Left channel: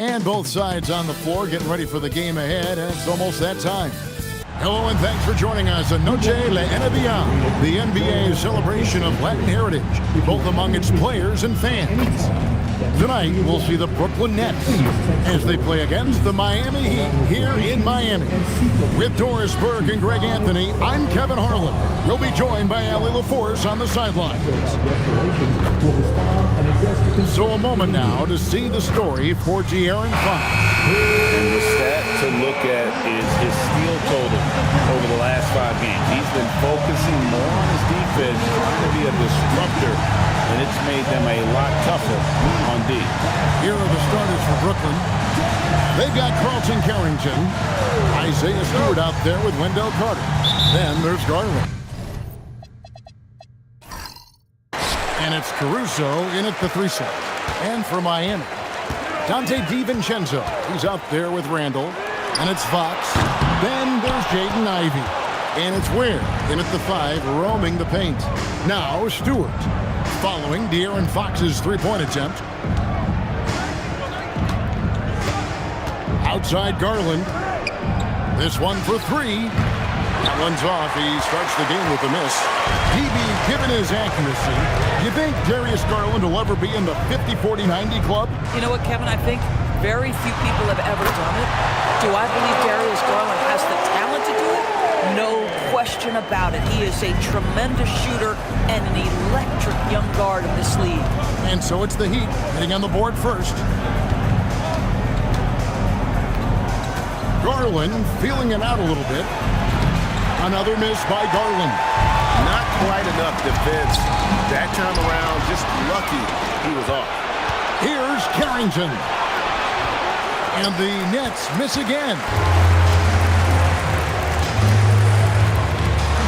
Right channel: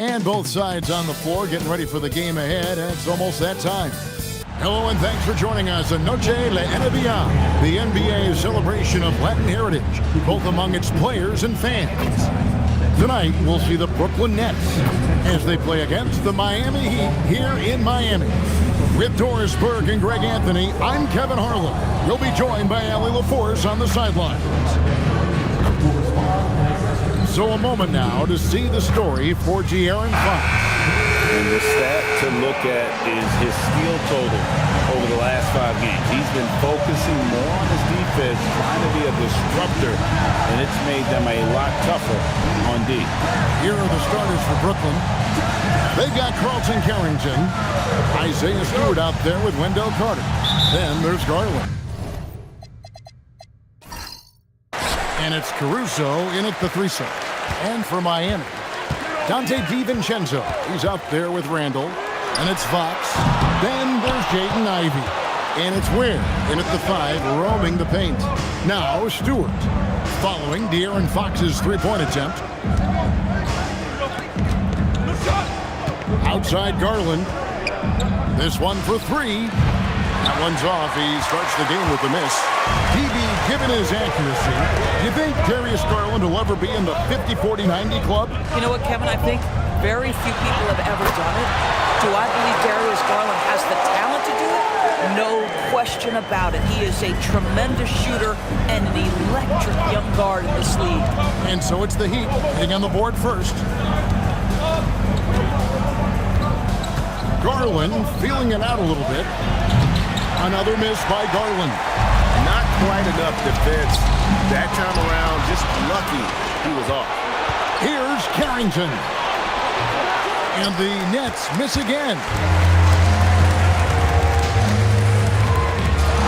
And both sides on the floor getting ready for the game ahead, and it's almost that time. Hello and thanks for joining us on Noche la NBA, the NBA's celebration of Latin heritage, both among its players and fans. Tonight, we'll see the Brooklyn Nets as they play against the Miami Heat here in Miami. With Doris Burke and Greg Anthony, I'm Kevin Harlan. We'll be joined by Allie LaForce on the sidelines. So a moment now to see the story for De'Aaron Fox. And the stat to look at is his steal total over the last 5 games. He's been focusing more on his defense, trying to be a disruptor, and it's made them a lot tougher on D. Here are the starters for Brooklyn. They've got Carlton Carrington, Isaiah Stewart out there with Wendell Carter. Then there's Garland. And it's Caruso in at the 3 slot. And for Miami, Dante DiVincenzo. He's out there with Randall. And it's Fox. Then there's Jaden Ivey. And it's Ware in at the 5, roaming the paint. Now Stewart, following De'Aaron Fox's three-point attempt. Outside Garland. This one for 3. That one's off. He starts the game with a miss. DB, given his accuracy, do you think Darius Garland will ever be in the 50-40-90 club? You know what, Kevin? I think very few people have ever done it. Do I believe Darius Garland has the talent to do it? No question about it. He is a tremendous shooter and an electric young guard in this league. And so it's the Heat hitting on the board first. Garland feeling it out a little bit. Another miss by Garland. Not quite enough defense that time around. Just lucky he was off. Here's Carrington. And the Nets miss again.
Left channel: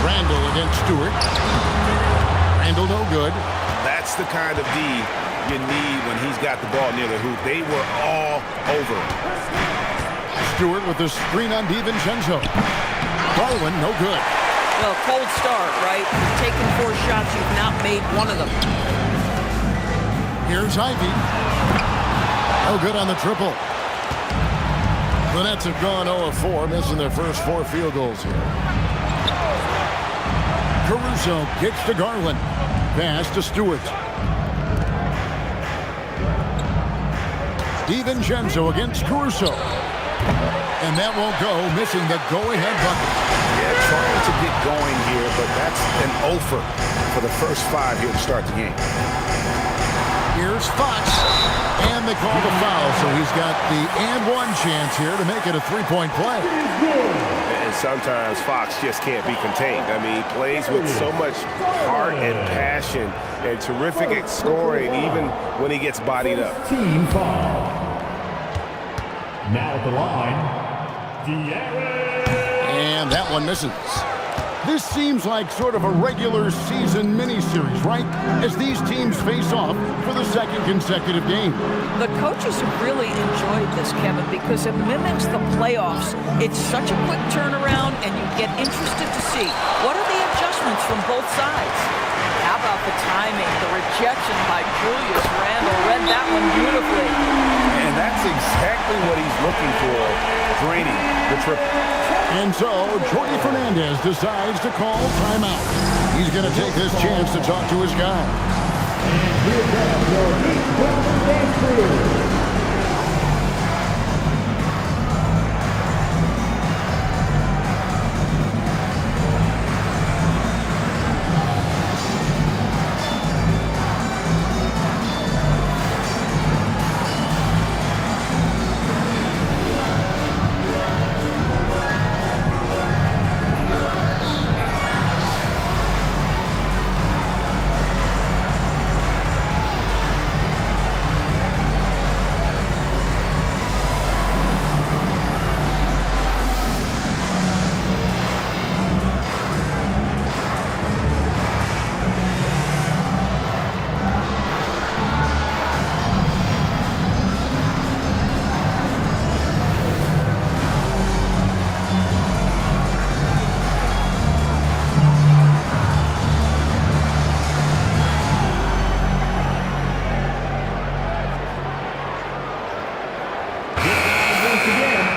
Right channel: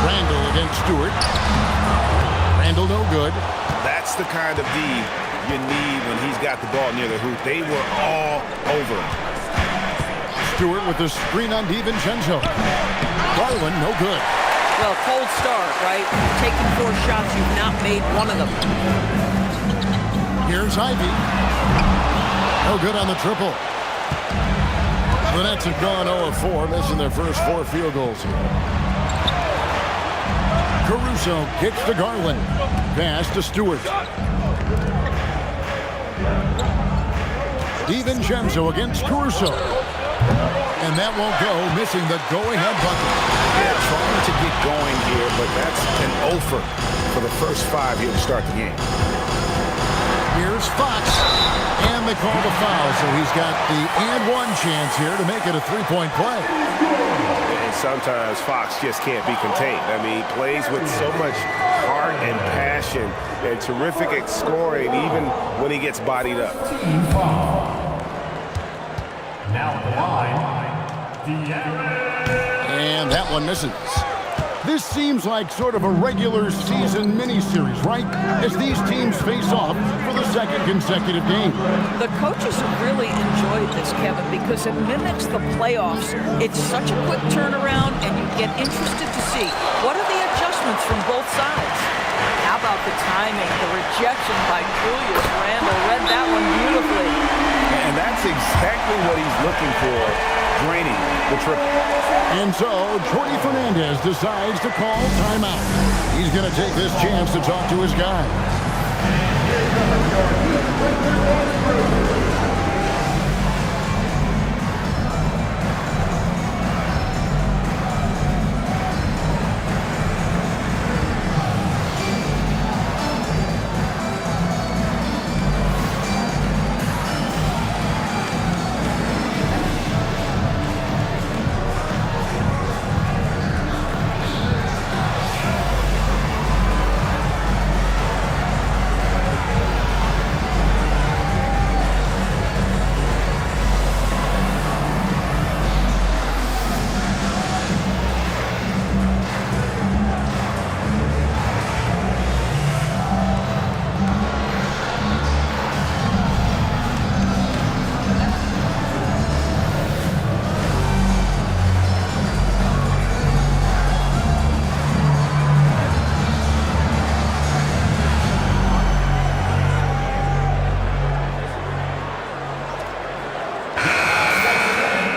Randall against Stewart. Randall no good. That's the kind of D you need when he's got the ball near the hoop. They were all over him. Stewart with the screen on DiVincenzo. Garland no good. Well, cold start, right? You've taken 4 shots. You've not made one of them. Here's Ivey. No good on the triple. The Nets have gone 0 of 4, missing their first 4 field goals here. Caruso kicks to Garland. Pass to Stewart. DiVincenzo against Caruso. And that won't go, missing the go-ahead bucket. Yeah, trying to get going here, but that's an offer for the first 5 here to start the game. Here's Fox, and they call the foul, so he's got the and 1 chance here to make it a 3-point play. And sometimes Fox just can't be contained. I mean, he plays with so much heart and passion and terrific at scoring, even when he gets bodied up. Team foul. Now at the line, and that one misses. This seems like sort of a regular season mini-series, right? As these teams face off for the 2nd consecutive game. The coaches have really enjoyed this, Kevin, because it mimics the playoffs. It's such a quick turnaround, and you get interested to see what are the adjustments from both sides. How about the timing, the rejection by Julius Randle? Read that one beautifully. And that's exactly what he's looking for, draining the triple. And so, Jordi Fernandez decides to call timeout. He's going to take this chance to talk to his guys. And here comes your Heat Breakers and crew.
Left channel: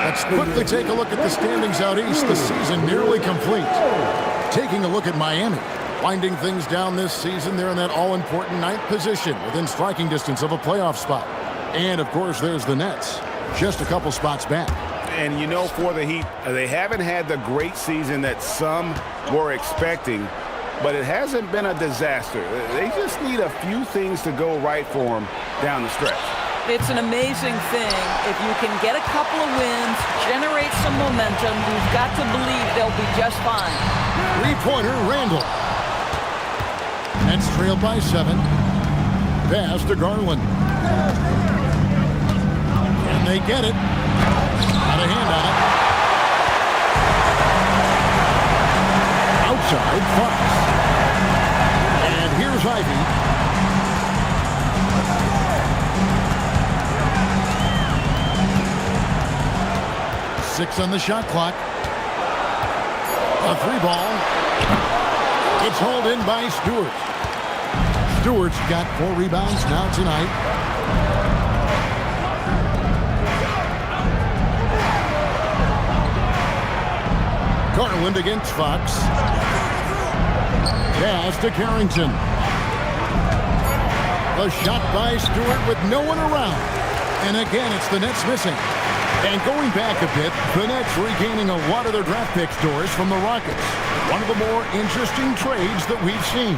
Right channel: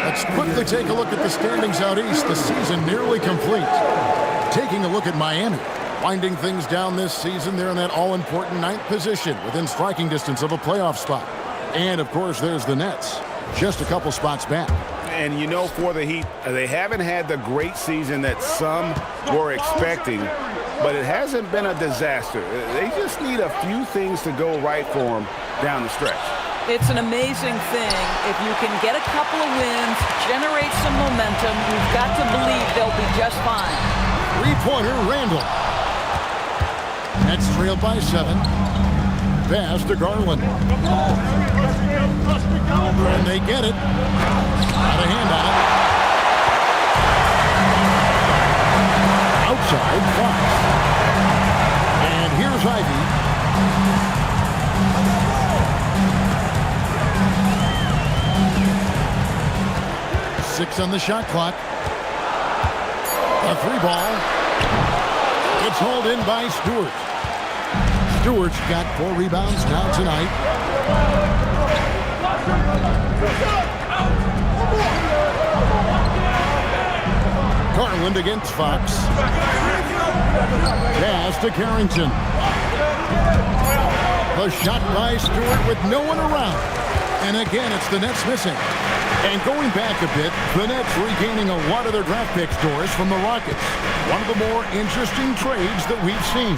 Let's quickly take a look at the standings out east. The season nearly complete. Taking a look at Miami. Winding things down this season, they're in that all-important 9th position within striking distance of a playoff spot. And, of course, there's the Nets, just a couple spots back. And, you know, for the Heat, they haven't had the great season that some were expecting, but it hasn't been a disaster. They just need a few things to go right for them down the stretch. It's an amazing thing. If you can get a couple of wins, generate some momentum, you've got to believe they'll be just fine. Three-pointer, Randall. Nets trailed by 7. Pass to Garland. And they get it. Got a hand on it. Outside, Fox. And here's Ivy. Six on the shot clock. A 3-ball. It's hauled in by Stewart. Stewart's got 4 rebounds now tonight. Garland against Fox. Pass to Carrington. The shot by Stewart with no one around. And again, it's the Nets missing. And going back a bit, the Nets regaining a lot of their draft pick stores from the Rockets. One of the more interesting trades that we've seen.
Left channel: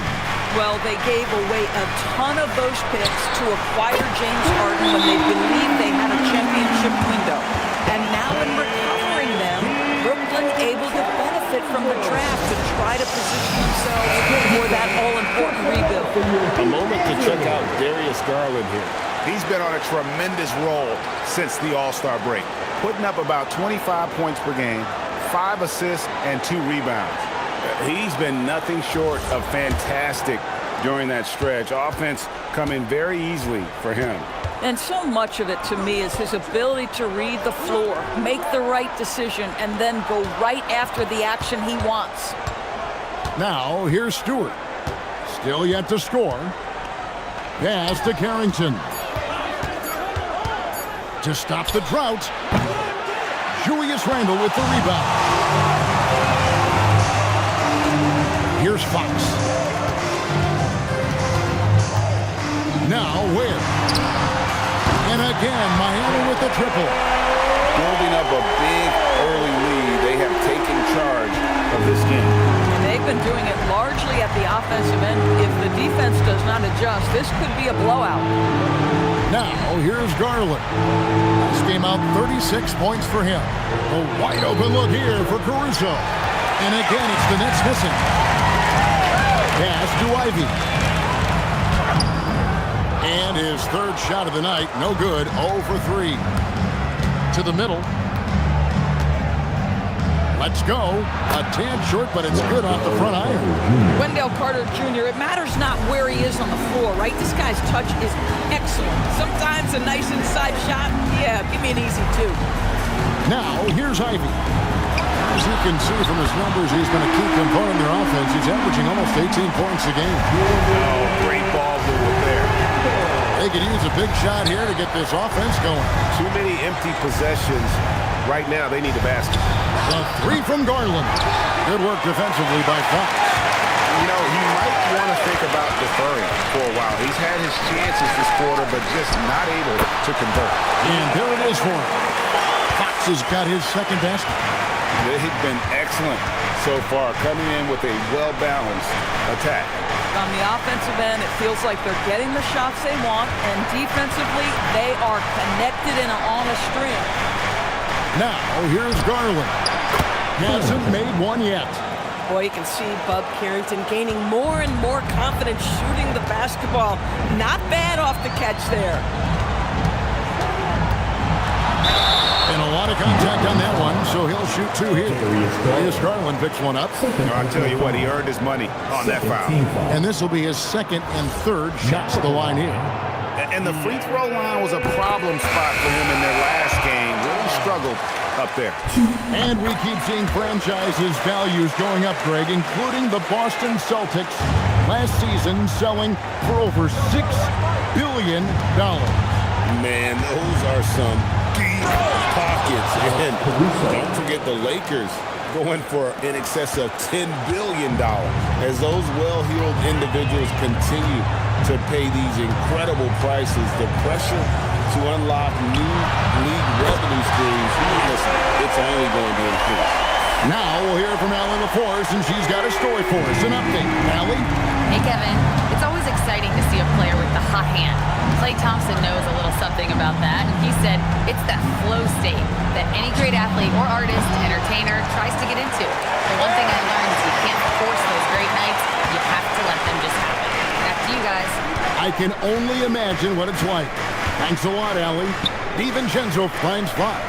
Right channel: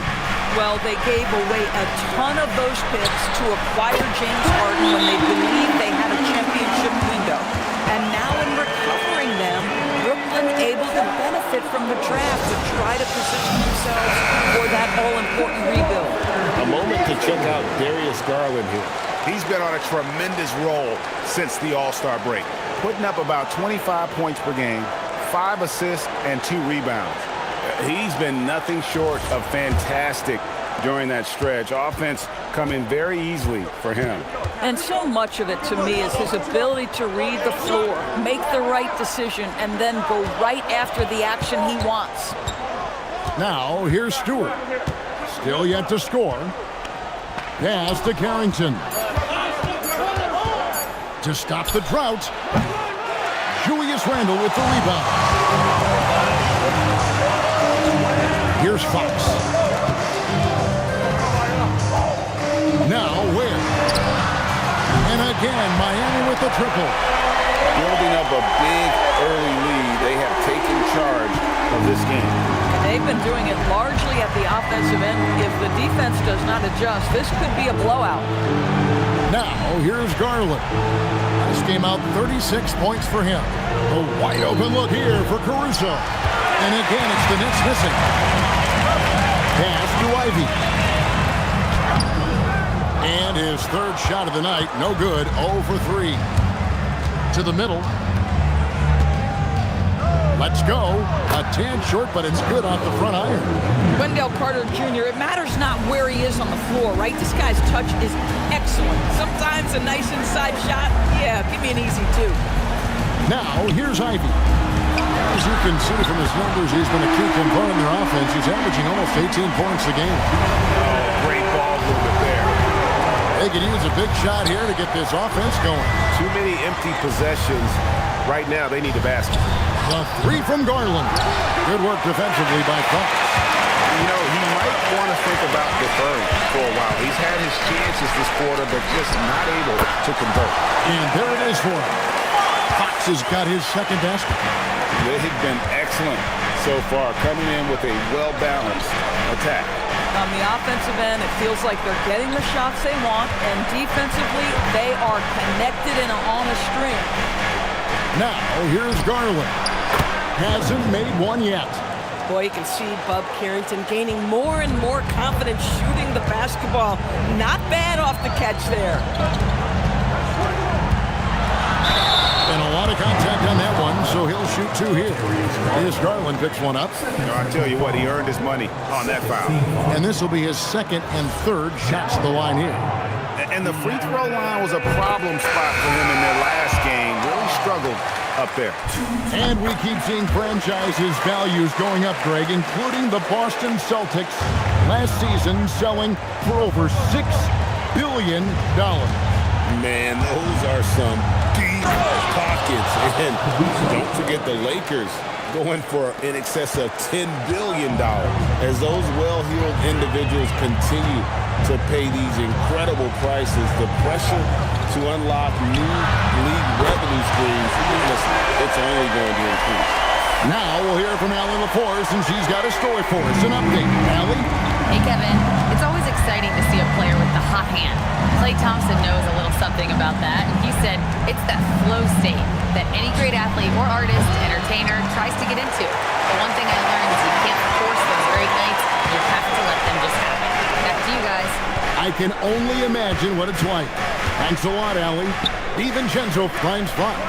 Well, they gave away a ton of those picks to acquire James Harden when they believed they had a championship window. And now in recovering them, Brooklyn able to benefit from the draft to try to position themselves for that all-important rebuild. A moment to check out Darius Garland here. He's been on a tremendous roll since the All-Star break, putting up about 25 points per game, 5 assists, and 2 rebounds. He's been nothing short of fantastic during that stretch. Offense coming very easily for him. And so much of it, to me, is his ability to read the floor, make the right decision, and then go right after the action he wants. Now, here's Stewart. Still yet to score. Pass to Carrington. To stop the drought, Julius Randle with the rebound. Here's Fox. Now Ware. And again, Miami with the triple. Building up a big early lead, they have taken charge of this game. And they've been doing it largely at the offensive end. If the defense does not adjust, this could be a blowout. Now, here's Garland. Last game out, 36 points for him. A wide open look here for Caruso. And again, it's the Nets missing. Pass to Ivy. And his 3rd shot of the night, no good, 0 for 3. To the middle. Let's go. A tad short, but it's good off the front iron. Wendell Carter Jr., it matters not where he is on the floor, right? This guy's touch is excellent. Sometimes a nice inside shot, yeah, give me an easy 2. Now, here's Ivy. As you can see from his numbers, he's been a key component in their offense. He's averaging almost 18 points a game. Oh, great ball movement there. They could use a big shot here to get this offense going. Too many empty possessions. Right now, they need a basket. The 3 from Garland. Good work defensively by Fox. You know, he might want to think about deferring for a while. He's had his chances this quarter, but just not able to convert. And there it is for him. Fox has got his 2nd basket. They've been excellent so far, coming in with a well-balanced attack. On the offensive end, it feels like they're getting the shots they want, and defensively, they are connected and on a string. Now, here's Garland. Hasn't made one yet. Boy, you can see Bub Carrington gaining more and more confidence shooting the basketball. Not bad off the catch there. And a lot of contact on that one, so he'll shoot 2 here. As Garland picks one up. No, I tell you what, he earned his money on that foul. And this will be his 2nd and 3rd shots to the line here. And the free throw line was a problem spot for him in their last game. Really struggled up there. And we keep seeing franchises' values going up, Greg, including the Boston Celtics last season selling for over $6 billion. Man, those are some deep pockets. And don't forget the Lakers going for in excess of $10 billion as those well-heeled individuals continue to pay these incredible prices. The pressure to unlock new league revenue streams, listen, it's only going to increase. Now we'll hear from Allie LaForce, and she's got a story for us. An update. Allie? Hey, Kevin. It's always exciting to see a player with the hot hand. Klay Thompson knows a little something about that, and he said it's that flow state that any great athlete or artist, entertainer tries to get into. The one thing I learned is you can't force those great nights. You have to let them just happen. Back to you guys. I can only imagine what it's like. Thanks a lot, Allie. DiVincenzo finds Fox.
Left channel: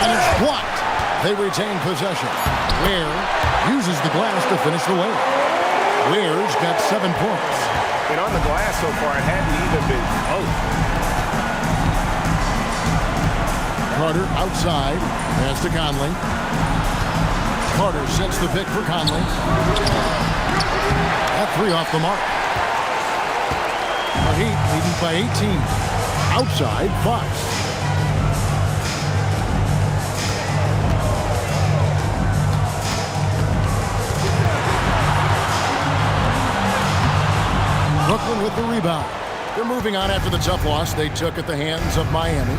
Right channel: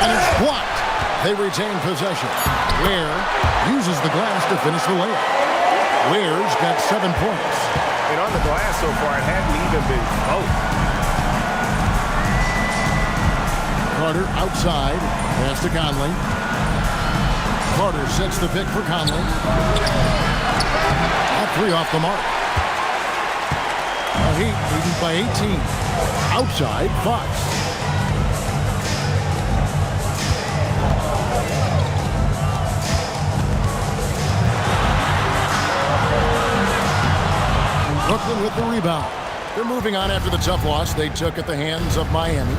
And it's blocked. They retain possession. Ware uses the glass to finish the layup. Ware's got 7 points. And on the glass so far, it hadn't even been close. Carter outside. Pass to Conley. Carter sets the pick for Conley. That 3 off the mark. The Heat leading by 18. Outside, Fox. Brooklyn with the rebound. They're moving on after the tough loss they took at the hands of Miami.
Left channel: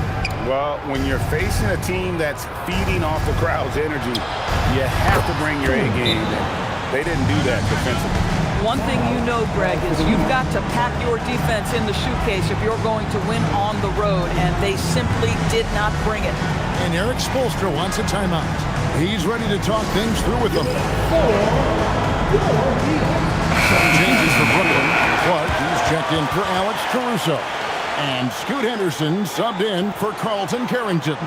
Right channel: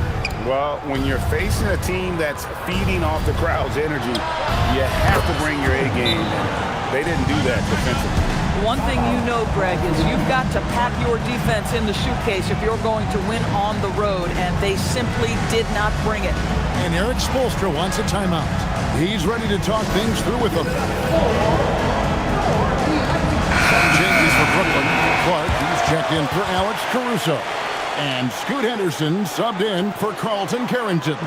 Well, when you're facing a team that's feeding off the crowd's energy, you have to bring your A game, and they didn't do that defensively. One thing you know, Greg, is you've got to pack your defense in the suitcase if you're going to win on the road, and they simply did not bring it. And Eric Spoelstra wants a timeout. He's ready to talk things through with them. Some changes for Brooklyn. Clark, he's checked in for Alex Caruso. And Scoot Henderson subbed in for Carlton Carrington.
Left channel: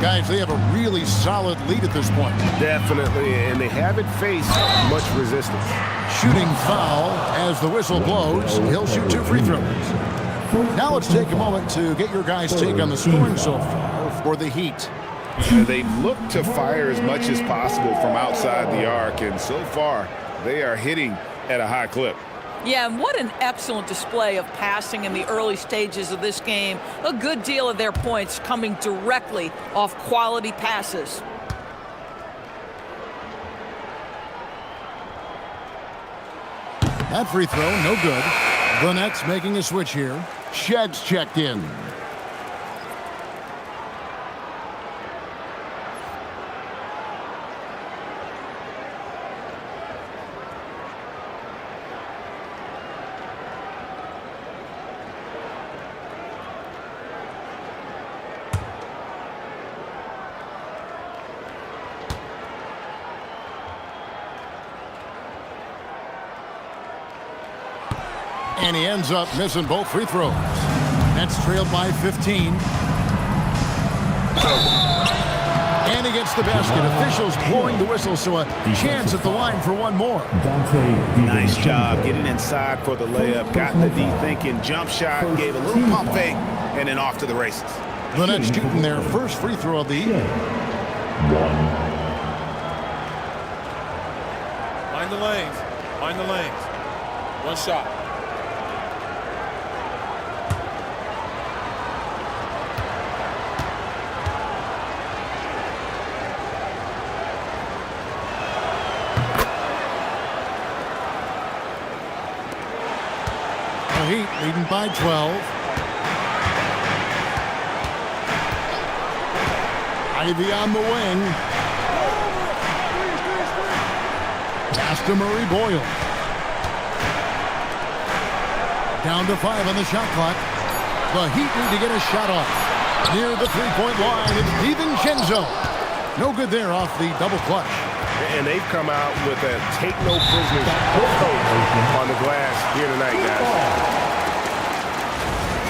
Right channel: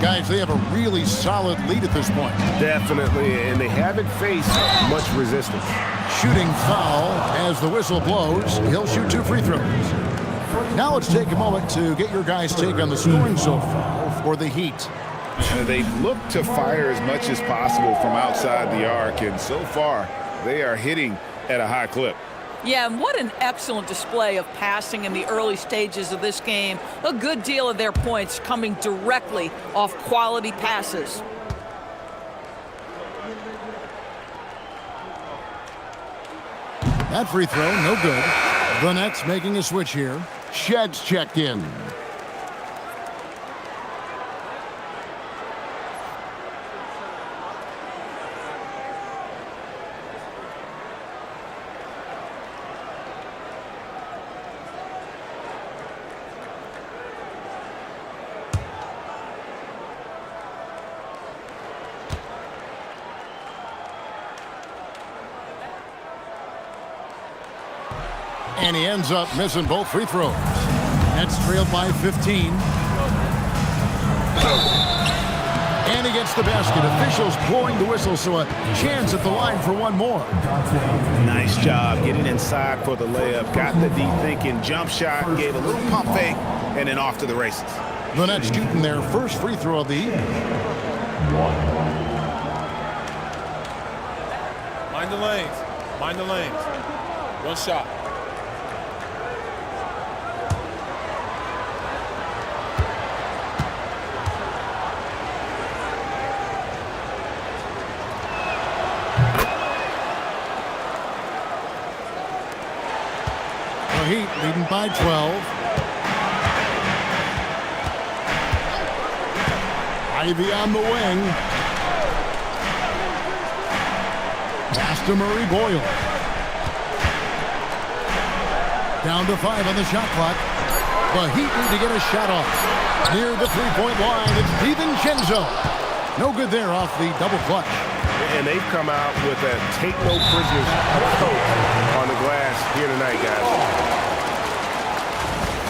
Guys, they have a really solid lead at this point. Definitely, and they haven't faced much resistance. Shooting foul as the whistle blows. He'll shoot 2 free throws. Now let's take a moment to get your guys' take on the scoring so far for the Heat. They look to fire as much as possible from outside the arc, and so far they are hitting at a high clip. Yeah, and what an excellent display of passing in the early stages of this game. A good deal of their points coming directly off quality passes. That free throw, no good. The Nets making a switch here. Shed's checked in. And he ends up missing both free throws. Nets trailed by 15. And he gets the basket. Officials blowing the whistle, so a chance at the line for one more. Nice job getting inside for the layup. Got the D thinking jump shot, gave a little pump fake, and then off to the races. The Nets shooting their first free throw of the evening. Mind the lanes. Mind the lanes. One shot. The Heat leading by 12. Ivy on the wing. Pass to Murray Boyle. Down to 5 on the shot clock. The Heat need to get a shot off. Near the three-point line, it's DiVincenzo. No good there off the double clutch. And they've come out with a take-no-prisoners approach on the glass here tonight, guys.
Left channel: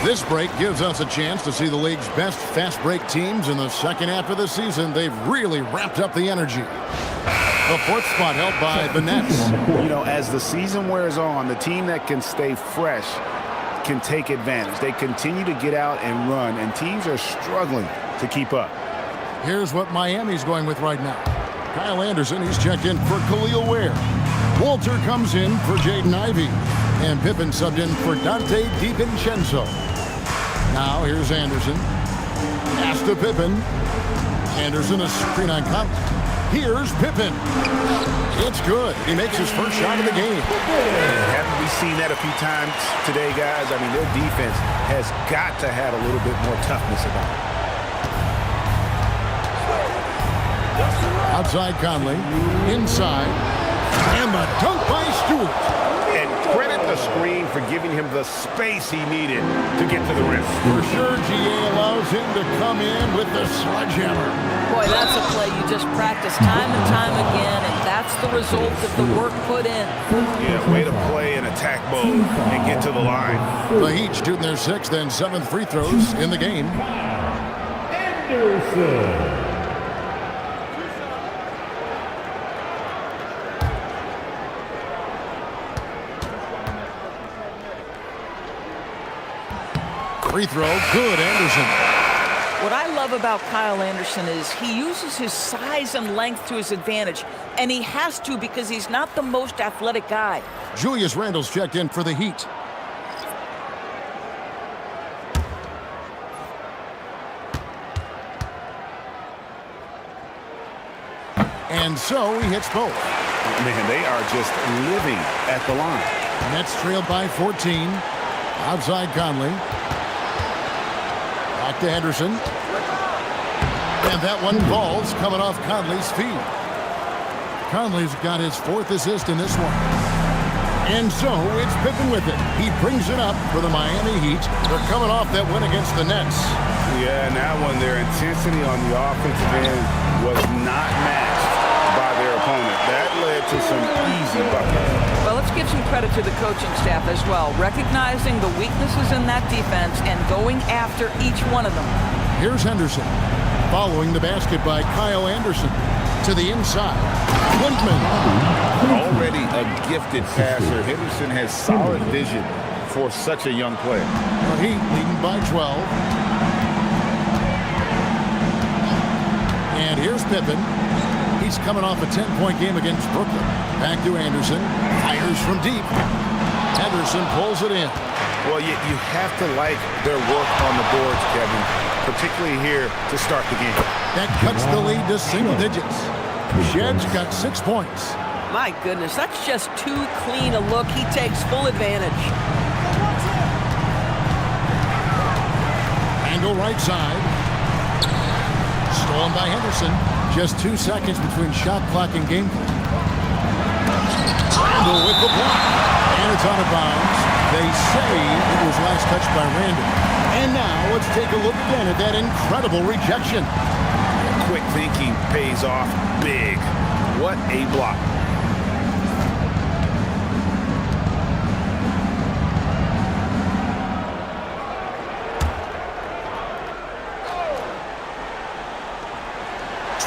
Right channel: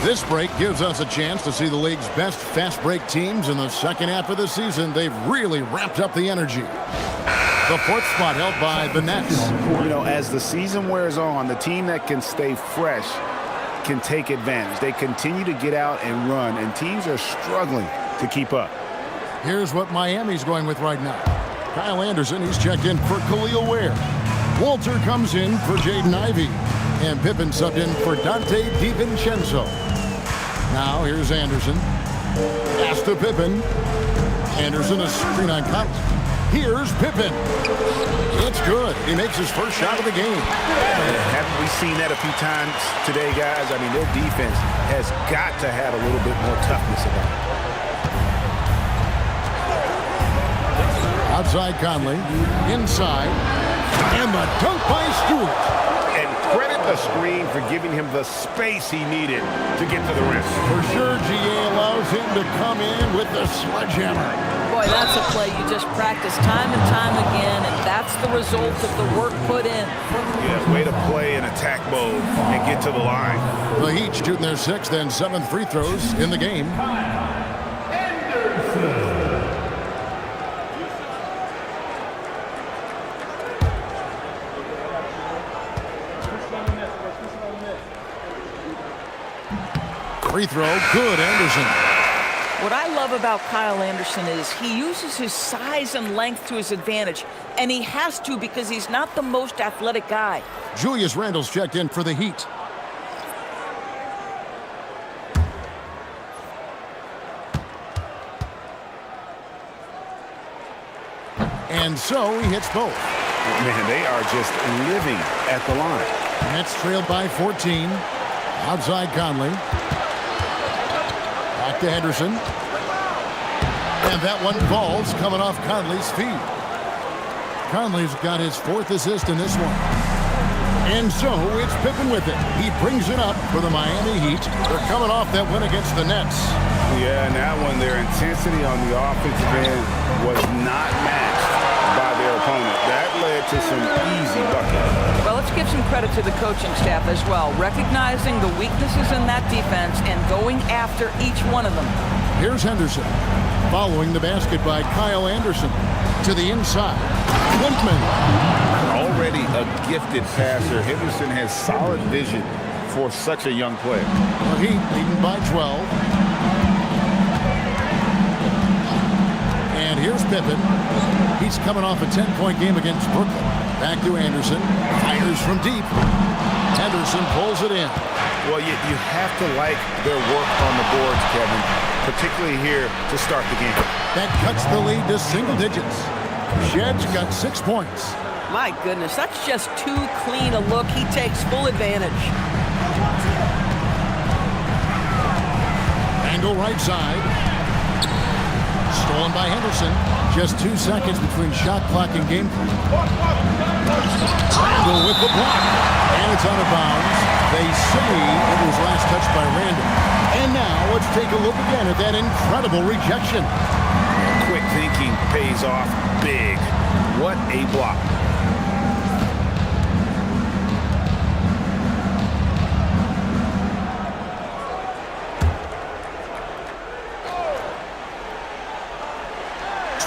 This break gives us a chance to see the league's best fast break teams in the second half of the season. They've really ramped up the energy. The 4th spot held by the Nets. You know, as the season wears on, the team that can stay fresh can take advantage. They continue to get out and run, and teams are struggling to keep up. Here's what Miami's going with right now. Kyle Anderson, he's checked in for Khalil Ware. Walter comes in for Jaden Ivey. And Pippen subbed in for Dante DiVincenzo. Now here's Anderson. Pass to Pippen. Anderson, a screen on Conley. Here's Pippen. It's good. He makes his first shot of the game. Haven't we seen that a few times today, guys? I mean, their defense has got to have a little bit more toughness about it. Outside Conley. Inside. And the dunk by Stewart. And credit the screen for giving him the space he needed to get to the rim. For sure, GA allows him to come in with the sledgehammer. Boy, that's a play you just practice time and time again, and that's the result of the work put in. Yeah, way to play in attack mode and get to the line. The Heat shooting their 6th and 7th free throws in the game. Anderson. Free throw, good, Anderson. What I love about Kyle Anderson is he uses his size and length to his advantage, and he has to because he's not the most athletic guy. Julius Randle's checked in for the Heat. And so he hits both. Man, they are just living at the line. Nets trailed by 14. Outside Conley. Back to Henderson. And that one falls coming off Conley's feet. Conley's got his 4th assist in this one. And so it's Pippen with it. He brings it up for the Miami Heat. They're coming off that win against the Nets. Yeah, and that one, their intensity on the offensive end was not matched by their opponent. That led to some easy buckets. Well, let's give some credit to the coaching staff as well, recognizing the weaknesses in that defense and going after each one of them. Here's Henderson, following the basket by Kyle Anderson. To the inside, Woodman. Already a gifted passer, Henderson has solid vision for such a young player. The Heat leading by 12. And here's Pippen. He's coming off a 10-point game against Brooklyn. Back to Anderson. Fires from deep. Henderson pulls it in. Well, you have to like their work on the boards, Kevin, particularly here to start the game. That cuts the lead to single digits. Shed's got 6 points. My goodness, that's just too clean a look. He takes full advantage. Randle right side. Stolen by Henderson. Just 2 seconds between shot clock and game clock. Randle with the block. And it's out of bounds. They say it was last touched by Randle. And now let's take a look again at that incredible rejection. Yeah, quick thinking pays off big. What a block.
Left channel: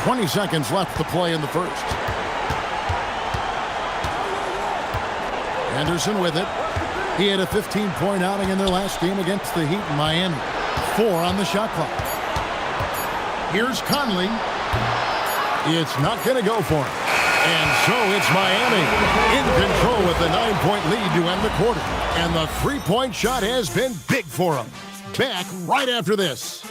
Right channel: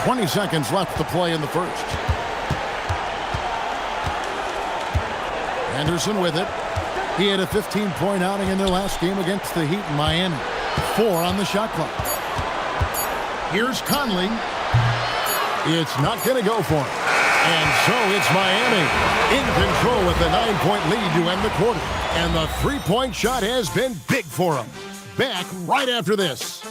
.20 seconds left to play in the first. Anderson with it. He had a 15-point outing in their last game against the Heat in Miami. 4 on the shot clock. Here's Conley. It's not going to go for him. And so it's Miami in control with a 9-point lead to end the quarter. And the 3-point shot has been big for him. Back right after this.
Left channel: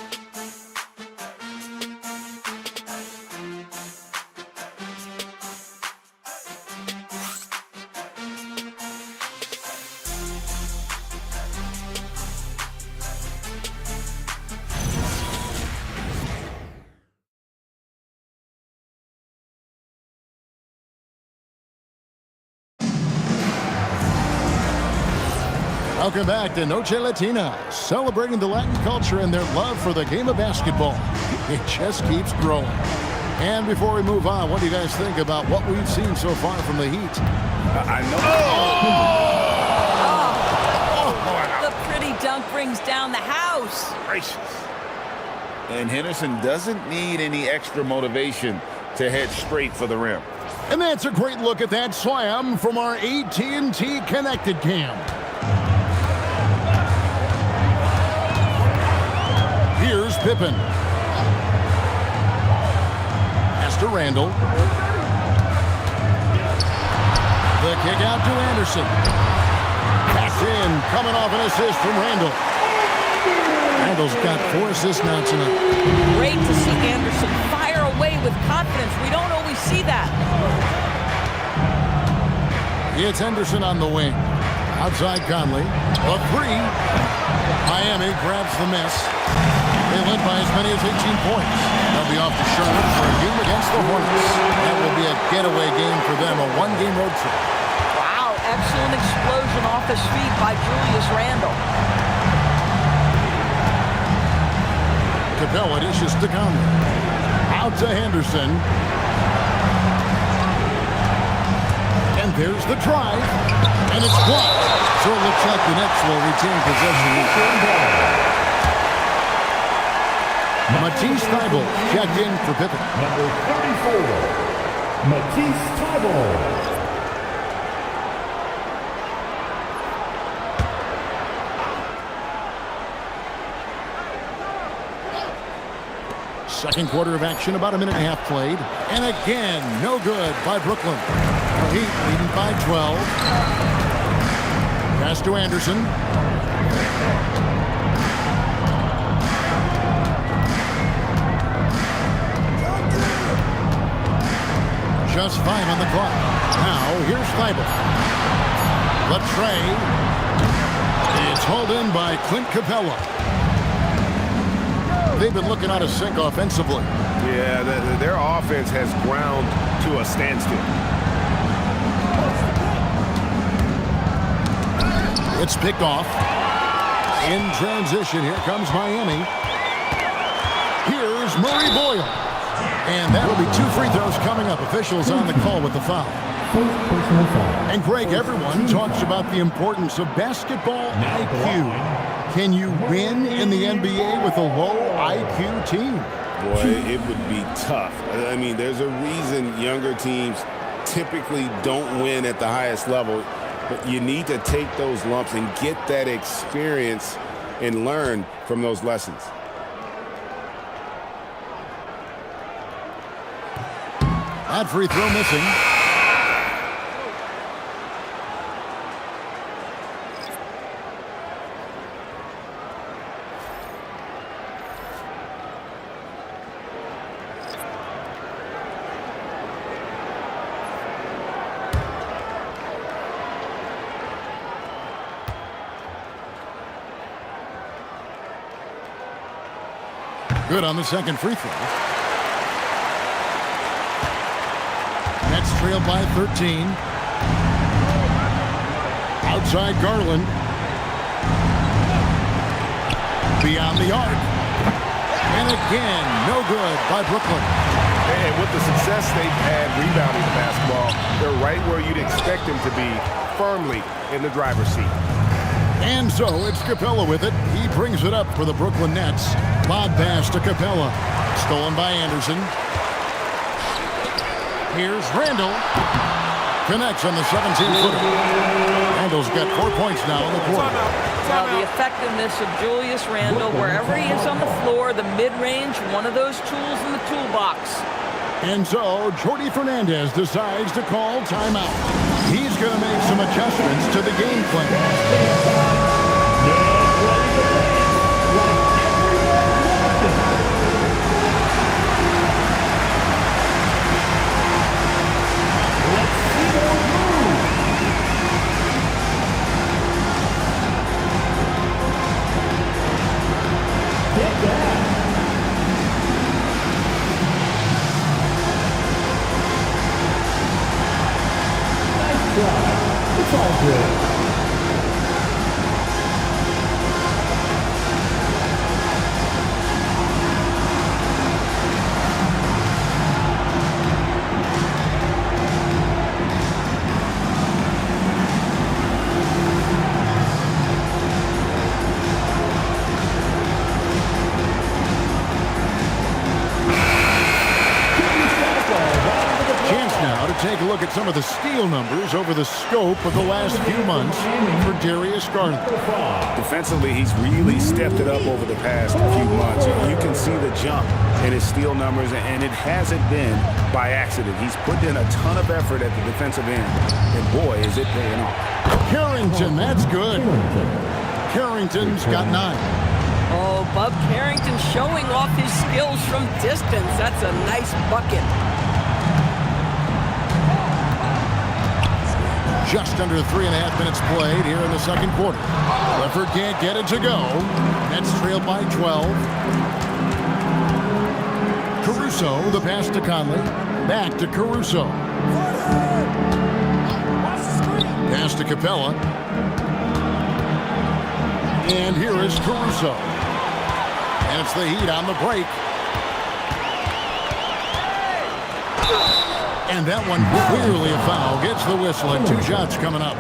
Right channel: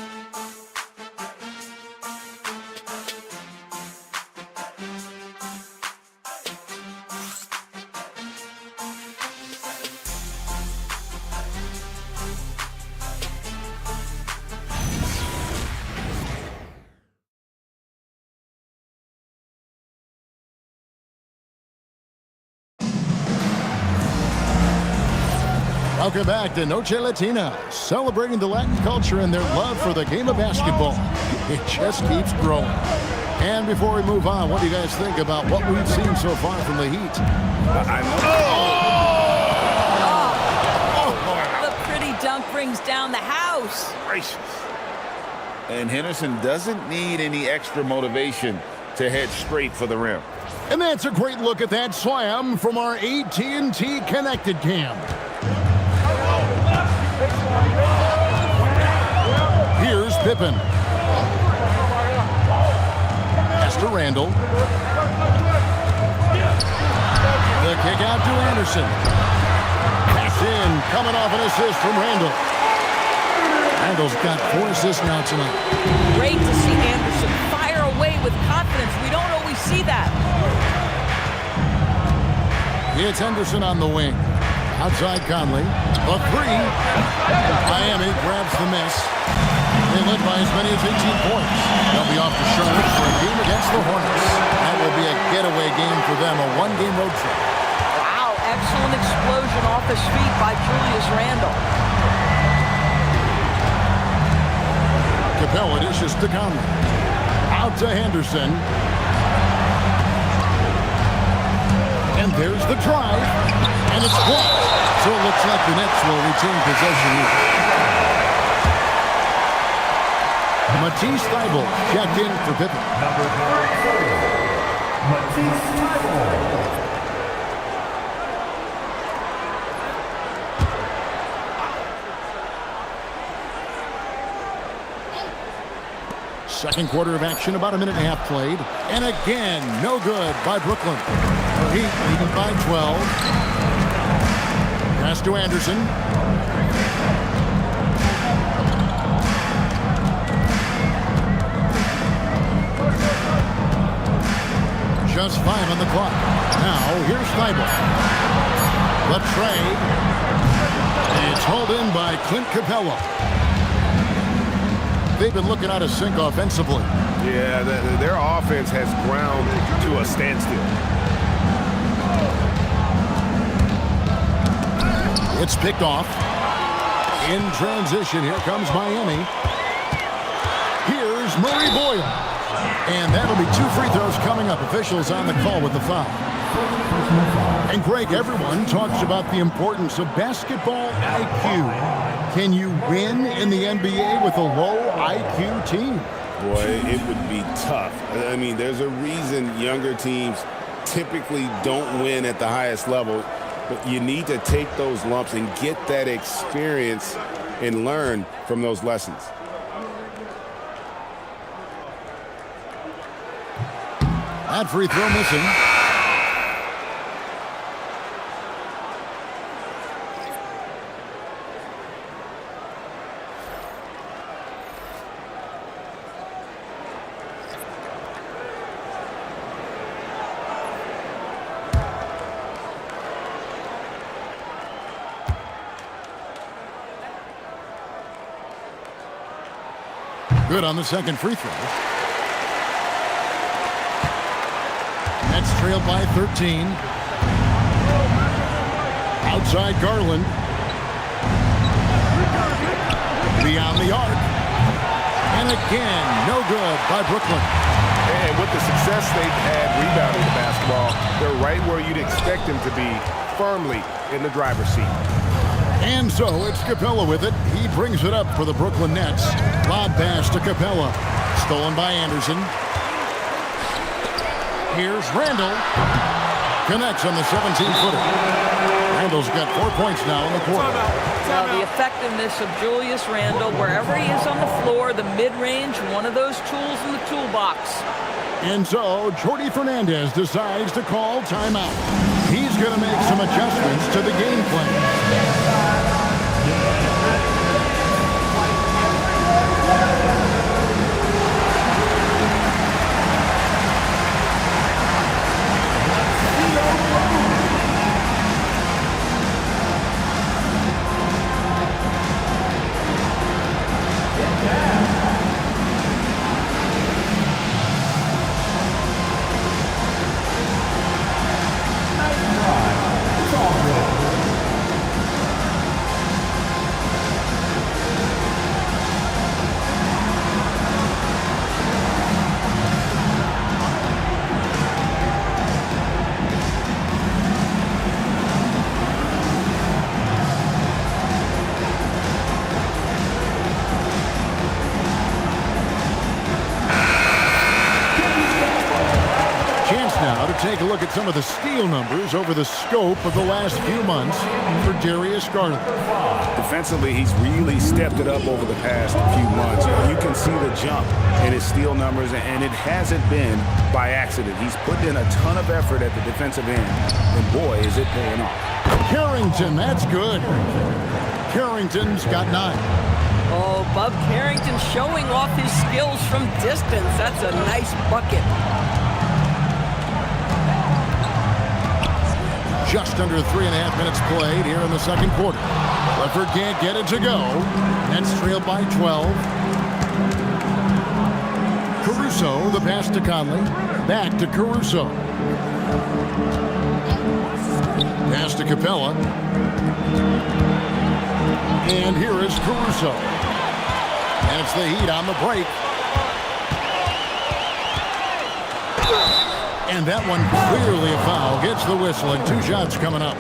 Welcome back to Noche Latina, celebrating the Latin culture and their love for the game of basketball. It just keeps growing. And before we move on, what do you guys think about what we've seen so far from the Heat? I know. Wow. The pretty dunk brings down the house. Gracious. And Henderson doesn't need any extra motivation to head straight for the rim. And that's a great look at that slam from our AT&T Connected Cam. Here's Pippen. to Randall. The kick out to Anderson. Pass in, coming off an assist from Randall. Randall's got 4 assists now tonight. Great to see Anderson fire away with confidence. We don't always see that. It's Henderson on the wing. Outside Conley. The 3. Miami grabs the miss. They led by as many as 18 points. They'll be off to Charlotte for a game against the Hornets. That will be a getaway game for them, a 1-game road trip. Wow, excellent explosion off his feet by Julius Randle. Capella dishes to Conley. Out to Henderson. And there's the drive. And it's blocked. So it looks like the Nets will retain possession here. Matisse Thybulle checked in for Pippen. Number 34, Matisse Thybulle. Second quarter of action, about a minute and a half played. And again, no good by Brooklyn. The Heat leading by 12. Pass to Anderson. Just 5 on the clock. Now, here's Thybulle. The trade. It's hauled in by Clint Capella. They've been looking out of sync offensively. Yeah, their offense has ground to a standstill. It's picked off. In transition, here comes Miami. Here's Murray Boyle. And that'll be 2 free throws coming up. Officials on the call with the foul. And Greg, everyone talks about the importance of basketball IQ. Can you win in the NBA with a low IQ team? Boy, it would be tough. I mean, there's a reason younger teams typically don't win at the highest level, but you need to take those lumps and get that experience and learn from those lessons. That free throw missing. Good on the second free throw. Nets trailed by 13. Outside Garland. Beyond the arc. And again, no good by Brooklyn. And with the success they've had rebounding the basketball, they're right where you'd expect them to be, firmly in the driver's seat. And so it's Capella with it. He brings it up for the Brooklyn Nets. Lob pass to Capella. Stolen by Anderson. Here's Randall. Connects on the 17-footer. Randall's got 4 points now in the quarter. Now the effectiveness of Julius Randle, wherever he is on the floor, the mid-range, one of those tools in the toolbox. And so Jordi Fernandez decides to call timeout. He's going to make some adjustments to the game plan. now to take a look at some of the steal numbers over the scope of the last few months for Darius Garland. Defensively, he's really stepped it up over the past few months. You can see the jump in his steal numbers, and it hasn't been by accident. He's put in a ton of effort at the defensive end, and boy, is it paying off. Carrington, that's good. Carrington's got 9. Oh, Bub Carrington showing off his skills from distance. That's a nice bucket. Just under 3.5 minutes played here in the second quarter. Clifford can't get it to go. Nets trailed by 12. Caruso, the pass to Conley. Back to Caruso. Pass to Capella. And here is Caruso. And it's the Heat on the break. And that one clearly a foul. Gets the whistle, and 2 shots coming up.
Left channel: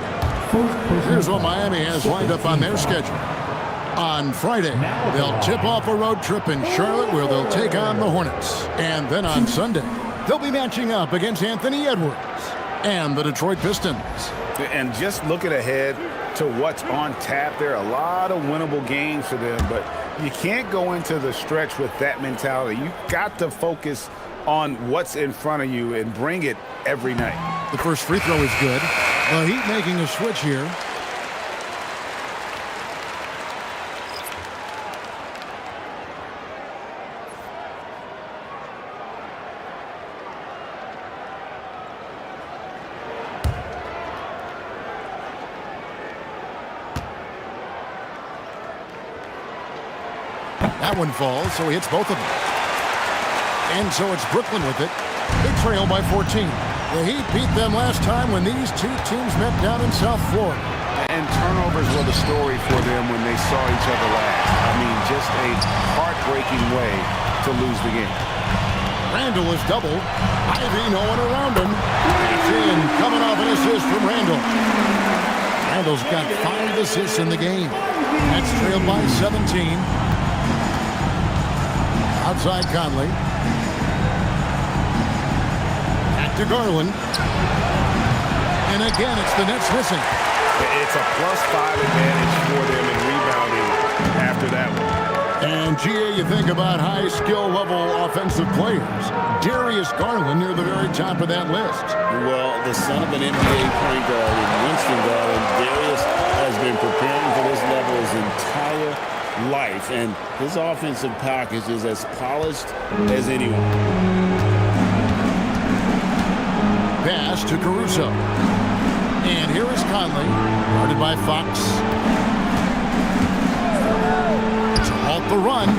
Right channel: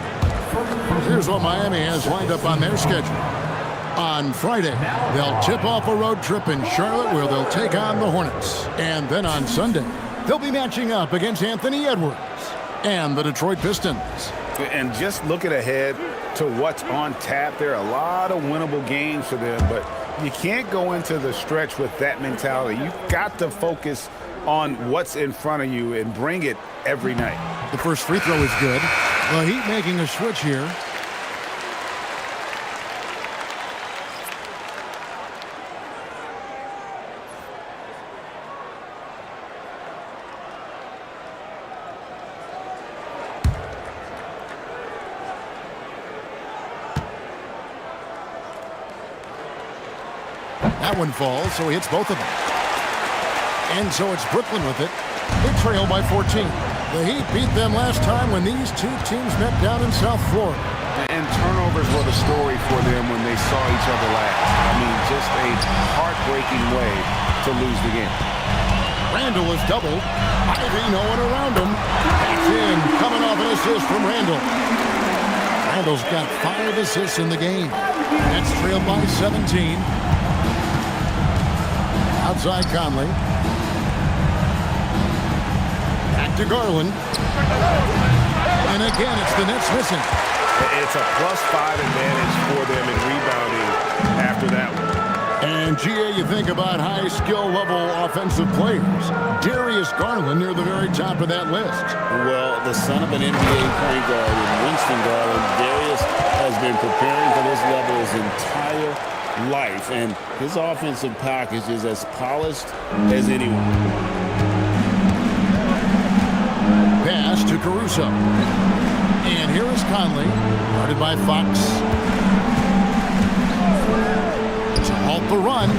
Here's what Miami has lined up on their schedule. On Friday, they'll tip off a road trip in Charlotte where they'll take on the Hornets. And then on Sunday, they'll be matching up against Anthony Edwards and the Detroit Pistons. And just looking ahead to what's on tap, there are a lot of winnable games for them, but you can't go into the stretch with that mentality. You've got to focus on what's in front of you and bring it every night. The first free throw is good. The Heat making a switch here. That one falls, so he hits both of them. And so it's Brooklyn with it. They trail by 14. The Heat beat them last time when these two teams met down in South Florida. And turnovers were the story for them when they saw each other last. I mean, just a heartbreaking way to lose the game. Randall is doubled. Ivy, no one around him. That's in, coming off an assist from Randall. Randall's got 5 assists in the game. Nets trailed by 17. Outside Conley. Back to Garland. And again, it's the Nets missing. It's a +5 advantage for them in rebounding after that one. And, GA, you think about high skill level offensive players. Darius Garland near the very top of that list. Well, the son of an NBA point guard in Winston Garland, Darius has been preparing for this level his entire life, and his offensive package is as polished as anyone. Pass to Caruso. And here is Conley, guarded by Fox. To halt the run,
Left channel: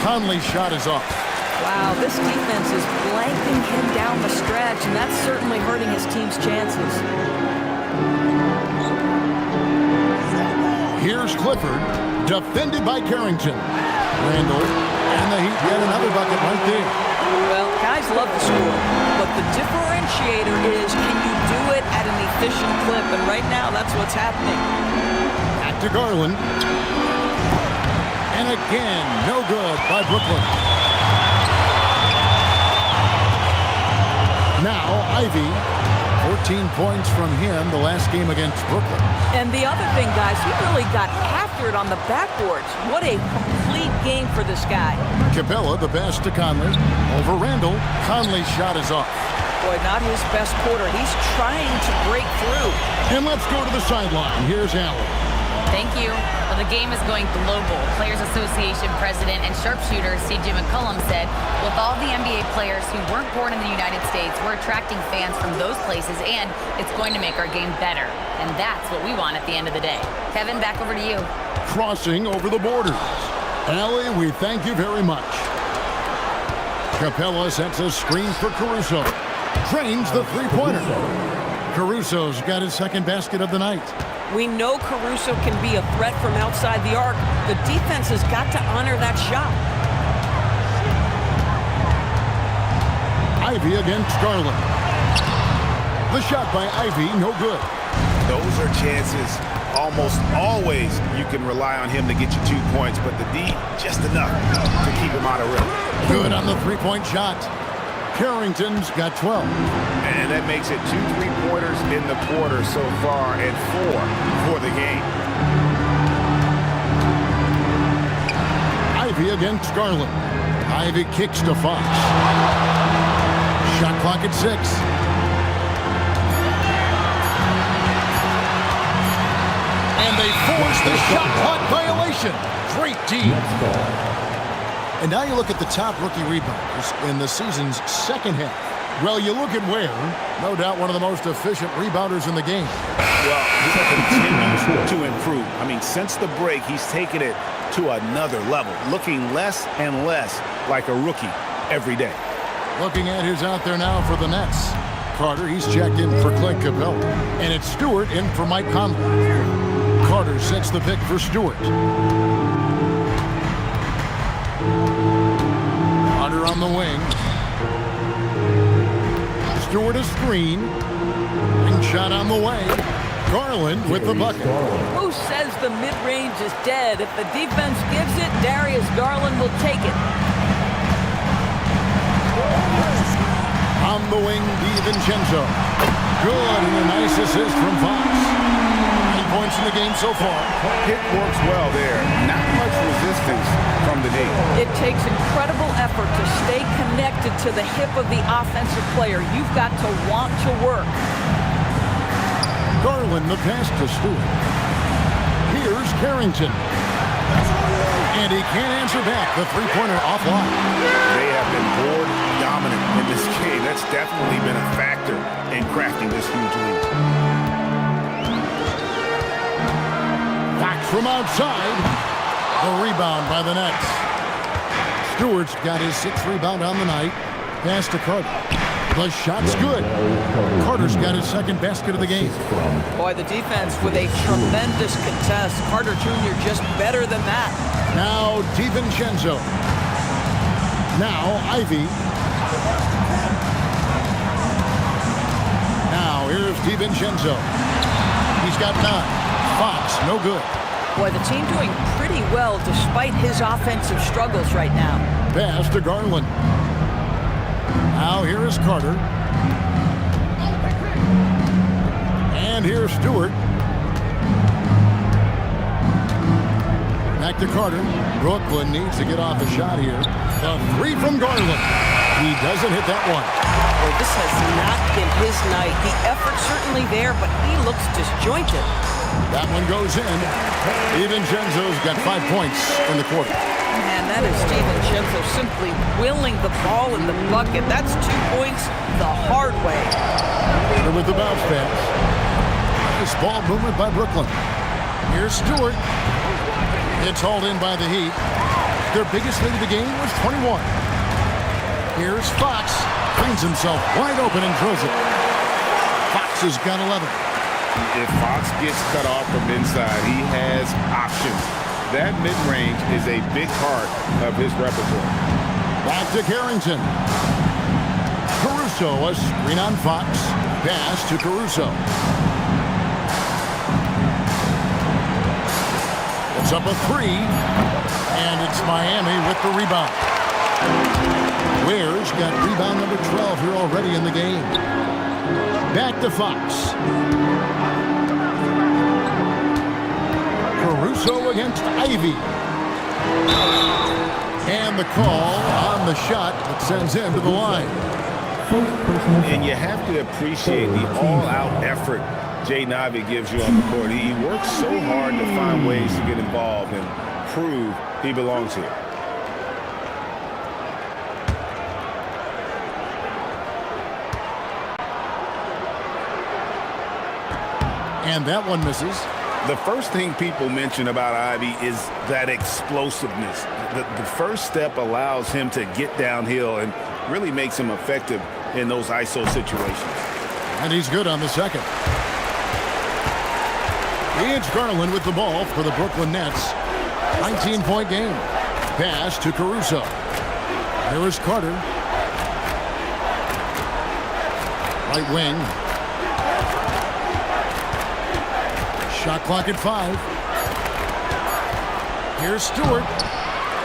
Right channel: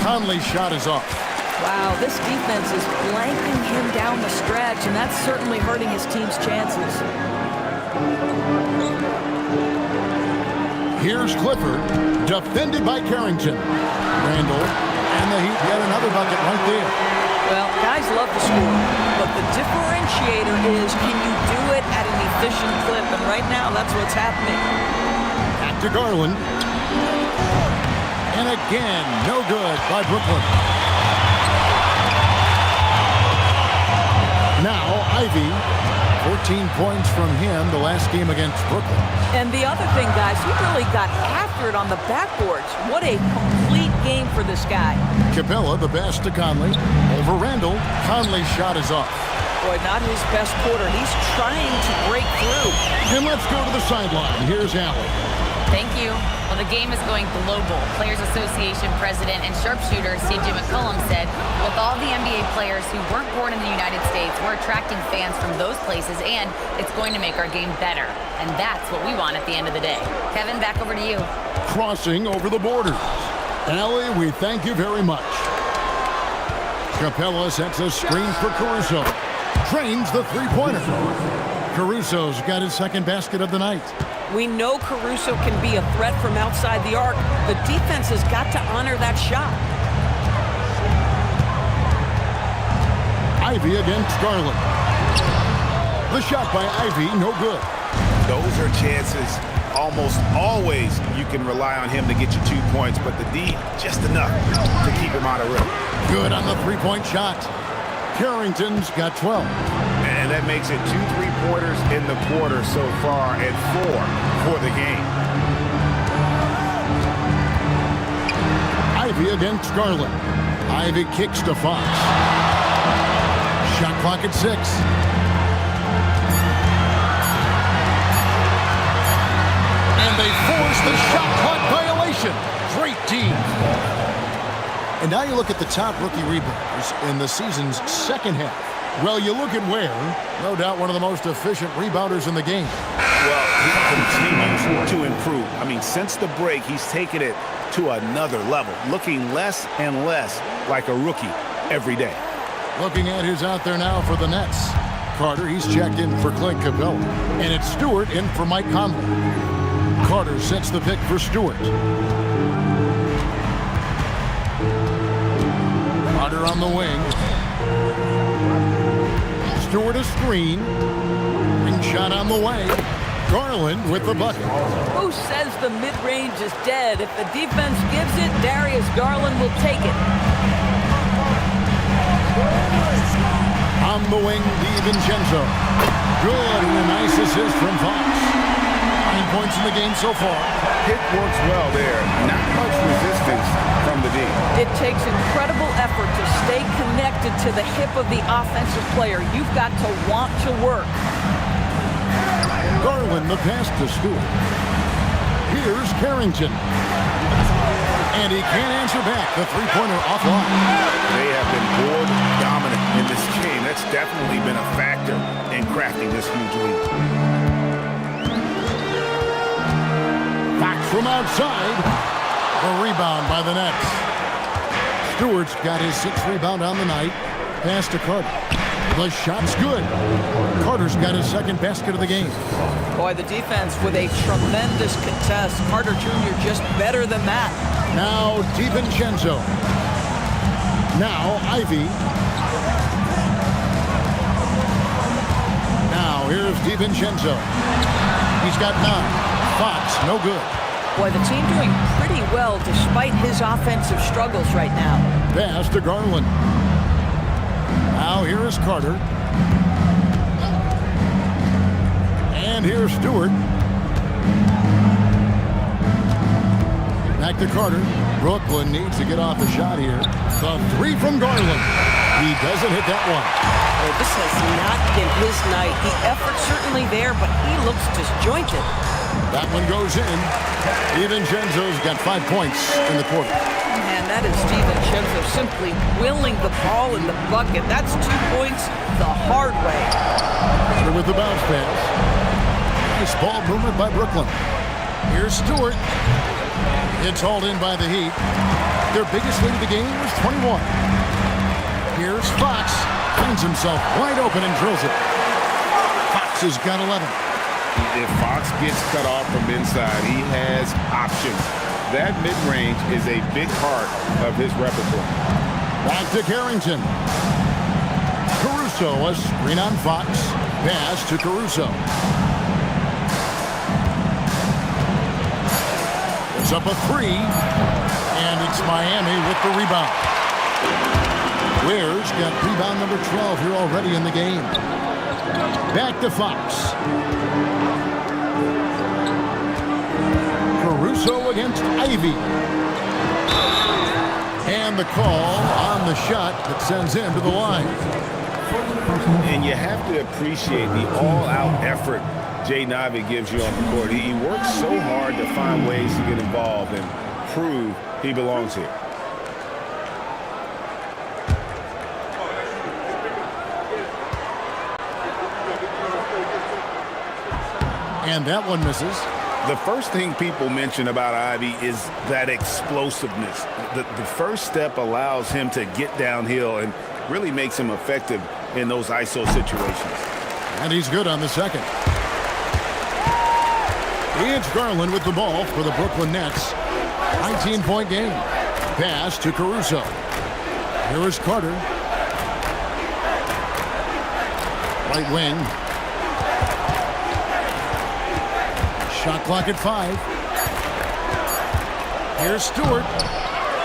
Conley's shot is off. Wow, this defense is blanking him down the stretch, and that's certainly hurting his team's chances. Here's Clifford, defended by Carrington. Randall, and the Heat get another bucket right there. Well, guys love to score, but the differentiator is, can you do it at an efficient clip? And right now, that's what's happening. Back to Garland. And again, no good by Brooklyn. Now, Ivy, 14 points from him the last game against Brooklyn. And the other thing, guys, he really got after it on the backboards. What a complete game for this guy. Capella, the pass to Conley. Over Randall. Conley's shot is off. Boy, not his best quarter. He's trying to break through. And let's go to the sideline. Here's Allen. Thank you. Well, the game is going global. Players Association president and sharpshooter C.J. McCollum said, with all the NBA players who weren't born in the United States, we're attracting fans from those places, and it's going to make our game better. And that's what we want at the end of the day. Kevin, back over to you. Crossing over the borders. Allie, we thank you very much. Capella sets a screen for Caruso. Drains the three-pointer. Caruso's got his second basket of the night. We know Caruso can be a threat from outside the arc. The defense has got to honor that shot. Ivy against Garland. The shot by Ivy, no good. Those are chances almost always you can rely on him to get you 2 points, but the D, just enough to keep him out of rhythm. Good on the three-point shot. Carrington's got 12. And that makes it 2 3-pointers in the quarter so far and 4 for the game. Ivy against Garland. Ivy kicks to Fox. Shot clock at 6. And they force the shot clock violation. Great D. And now you look at the top rookie rebounders in the season's second half. Well, you look at Ware, no doubt one of the most efficient rebounders in the game. Well, he continues to improve. I mean, since the break, he's taken it to another level, looking less and less like a rookie every day. Looking at who's out there now for the Nets. Carter, he's checked in for Clint Capella. And it's Stewart in for Mike Conley. Carter sets the pick for Stewart. Carter on the wing. Stewart a screen. Ring shot on the way. Garland with the bucket. Who says the mid-range is dead? If the defense gives it, Darius Garland will take it. On the wing, DiVincenzo. Good, and a nice assist from Fox. 9 points in the game so far. Pick works well there. Not much resistance from the D. It takes incredible effort to stay connected to the hip of the offensive player. You've got to want to work. Garland the pass to Stewart. Here's Carrington. And he can't answer back. The three-pointer offline. They have been board dominant in this game. That's definitely been a factor in crafting this huge lead. Fox from outside. The rebound by the Nets. Stewart's got his 6th rebound on the night. Pass to Carter. The shot's good. Carter's got his 2nd basket of the game. Boy, the defense with a tremendous contest. Carter Jr. just better than that. Now DiVincenzo. Now Ivy. Now here's DiVincenzo. He's got 9. Fox, no good. Boy, the team doing pretty well despite his offensive struggles right now. Pass to Garland. Now here is Carter. And here's Stewart. Back to Carter. Brooklyn needs to get off a shot here. The 3 from Garland. He doesn't hit that one. Well, this has not been his night. The effort's certainly there, but he looks disjointed. That one goes in. DiVincenzo's got 5 points in the quarter. Man, that is DiVincenzo simply willing the ball in the bucket. That's 2 points the hard way. Carter with the bounce pass. Nice ball movement by Brooklyn. Here's Stewart. It's hauled in by the Heat. Their biggest lead of the game was 21. Here's Fox. Finds himself wide open and drills it. Fox has got 11. If Fox gets cut off from inside, he has options. That mid-range is a big part of his repertoire. Back to Carrington. Caruso, a screen on Fox. Pass to Caruso. It's up a 3. And it's Miami with the rebound. Ware's got rebound number 12 here already in the game. Back to Fox. Caruso against Ivy. And the call on the shot that sends him to the line. And you have to appreciate the all-out effort Jaden Ivey gives you on the court. He works so hard to find ways to get involved and prove he belongs here. And that one misses. The first thing people mention about Ivy is that explosiveness. The first step allows him to get downhill and really makes him effective in those ISO situations. And he's good on the second. It's Garland with the ball for the Brooklyn Nets. 19-point game. Pass to Caruso. Here is Carter. Right wing. Shot clock at 5. Here's Stewart.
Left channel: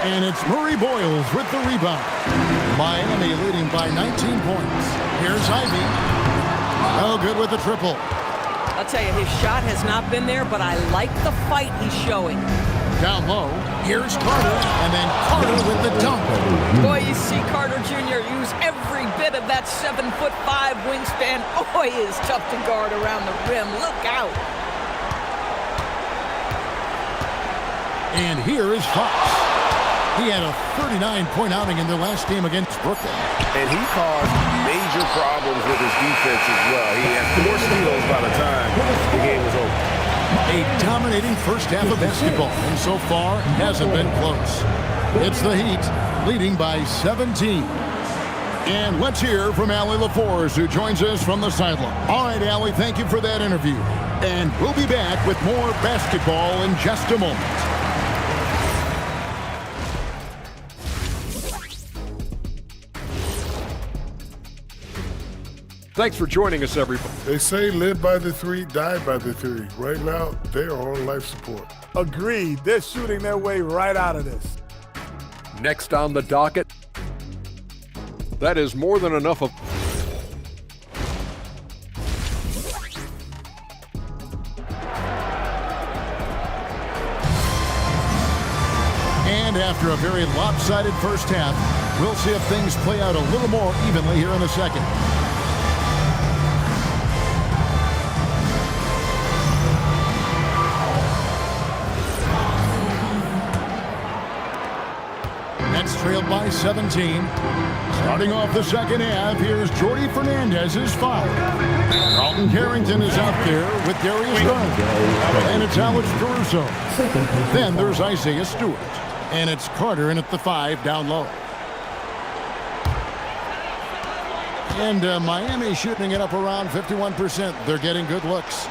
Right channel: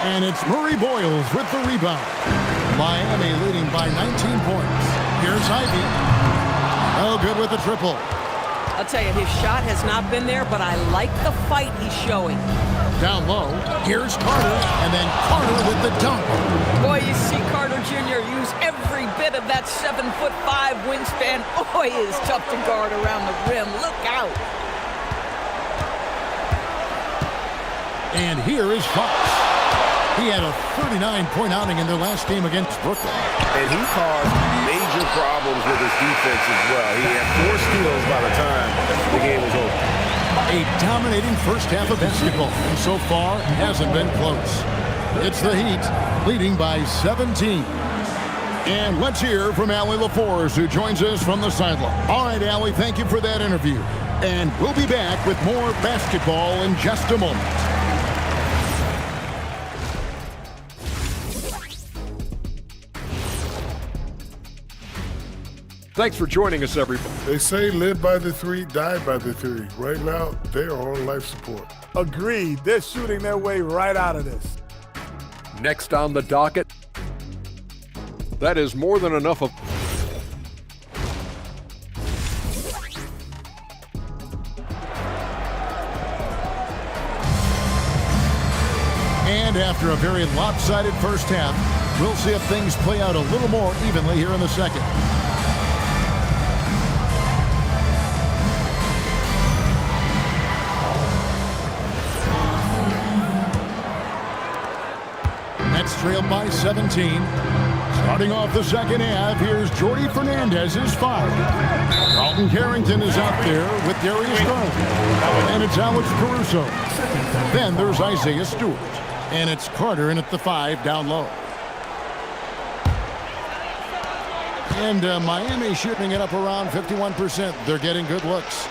And it's Murray Boyles with the rebound. Miami leading by 19 points. Here's Ivy. Oh, good with the triple. I'll tell you, his shot has not been there, but I like the fight he's showing. Down low, here's Carter, and then Carter with the dunk. Boy, you see Carter Jr. use every bit of that 7'5" wingspan. Boy, he is tough to guard around the rim. Look out. And here is Fox. He had a 39-point outing in their last game against Brooklyn. And he caused major problems with his defense as well. He had 4 steals by the time the game was over. A dominating first half of basketball, and so far hasn't been close. It's the Heat leading by 17. And let's hear from Allie LaForce, who joins us from the sideline. All right, Allie, thank you for that interview. And we'll be back with more basketball in just a moment. Thanks for joining us, everybody. They say live by the 3, die by the 3. Right now, they are on life support. Agreed. They're shooting their way right out of this. Next on the docket, that is more than enough of... And after a very lopsided first half, we'll see if things play out a little more evenly here in the second. Nets trailed by 17. Starting off the second half, here's Jordy Fernandez's foul. Carlton Carrington is out there with Darius Garland. And it's Alex Caruso. Then there's Isaiah Stewart. And it's Carter in at the 5 down low. And Miami shooting it up around 51%. They're getting good looks.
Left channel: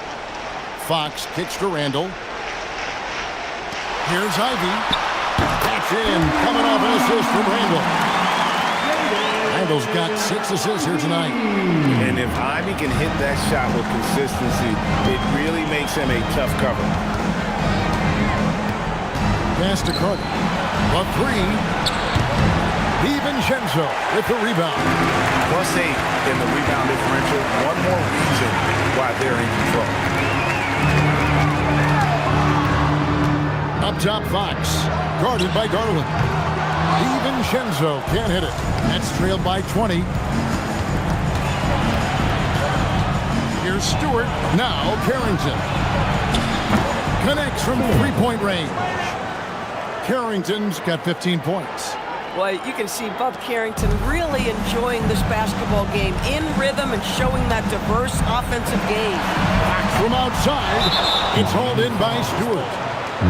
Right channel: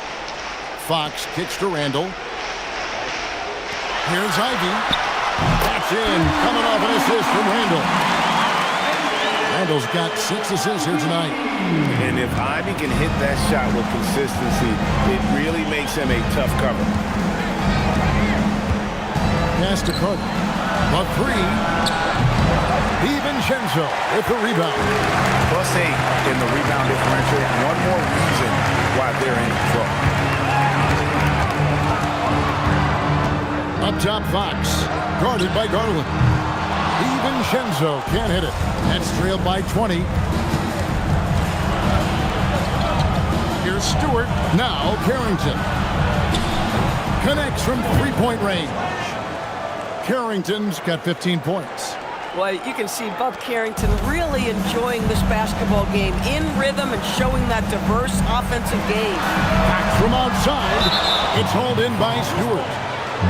Fox kicks to Randall. Here's Ivy. That's in, coming off an assist from Randall. Randall's got 6 assists here tonight. And if Ivy can hit that shot with consistency, it really makes him a tough cover. Pass to Carter. The 3. DiVincenzo with the rebound. +8 in the rebound differential. One more reason why they're in control. Up top, Fox. Guarded by Garland. DiVincenzo can't hit it. Nets trailed by 20. Here's Stewart. Now Carrington. Connects from three-point range. Carrington's got 15 points. Well, you can see Bub Carrington really enjoying this basketball game, in rhythm and showing that diverse offensive game. Fox from outside. It's hauled in by Stewart.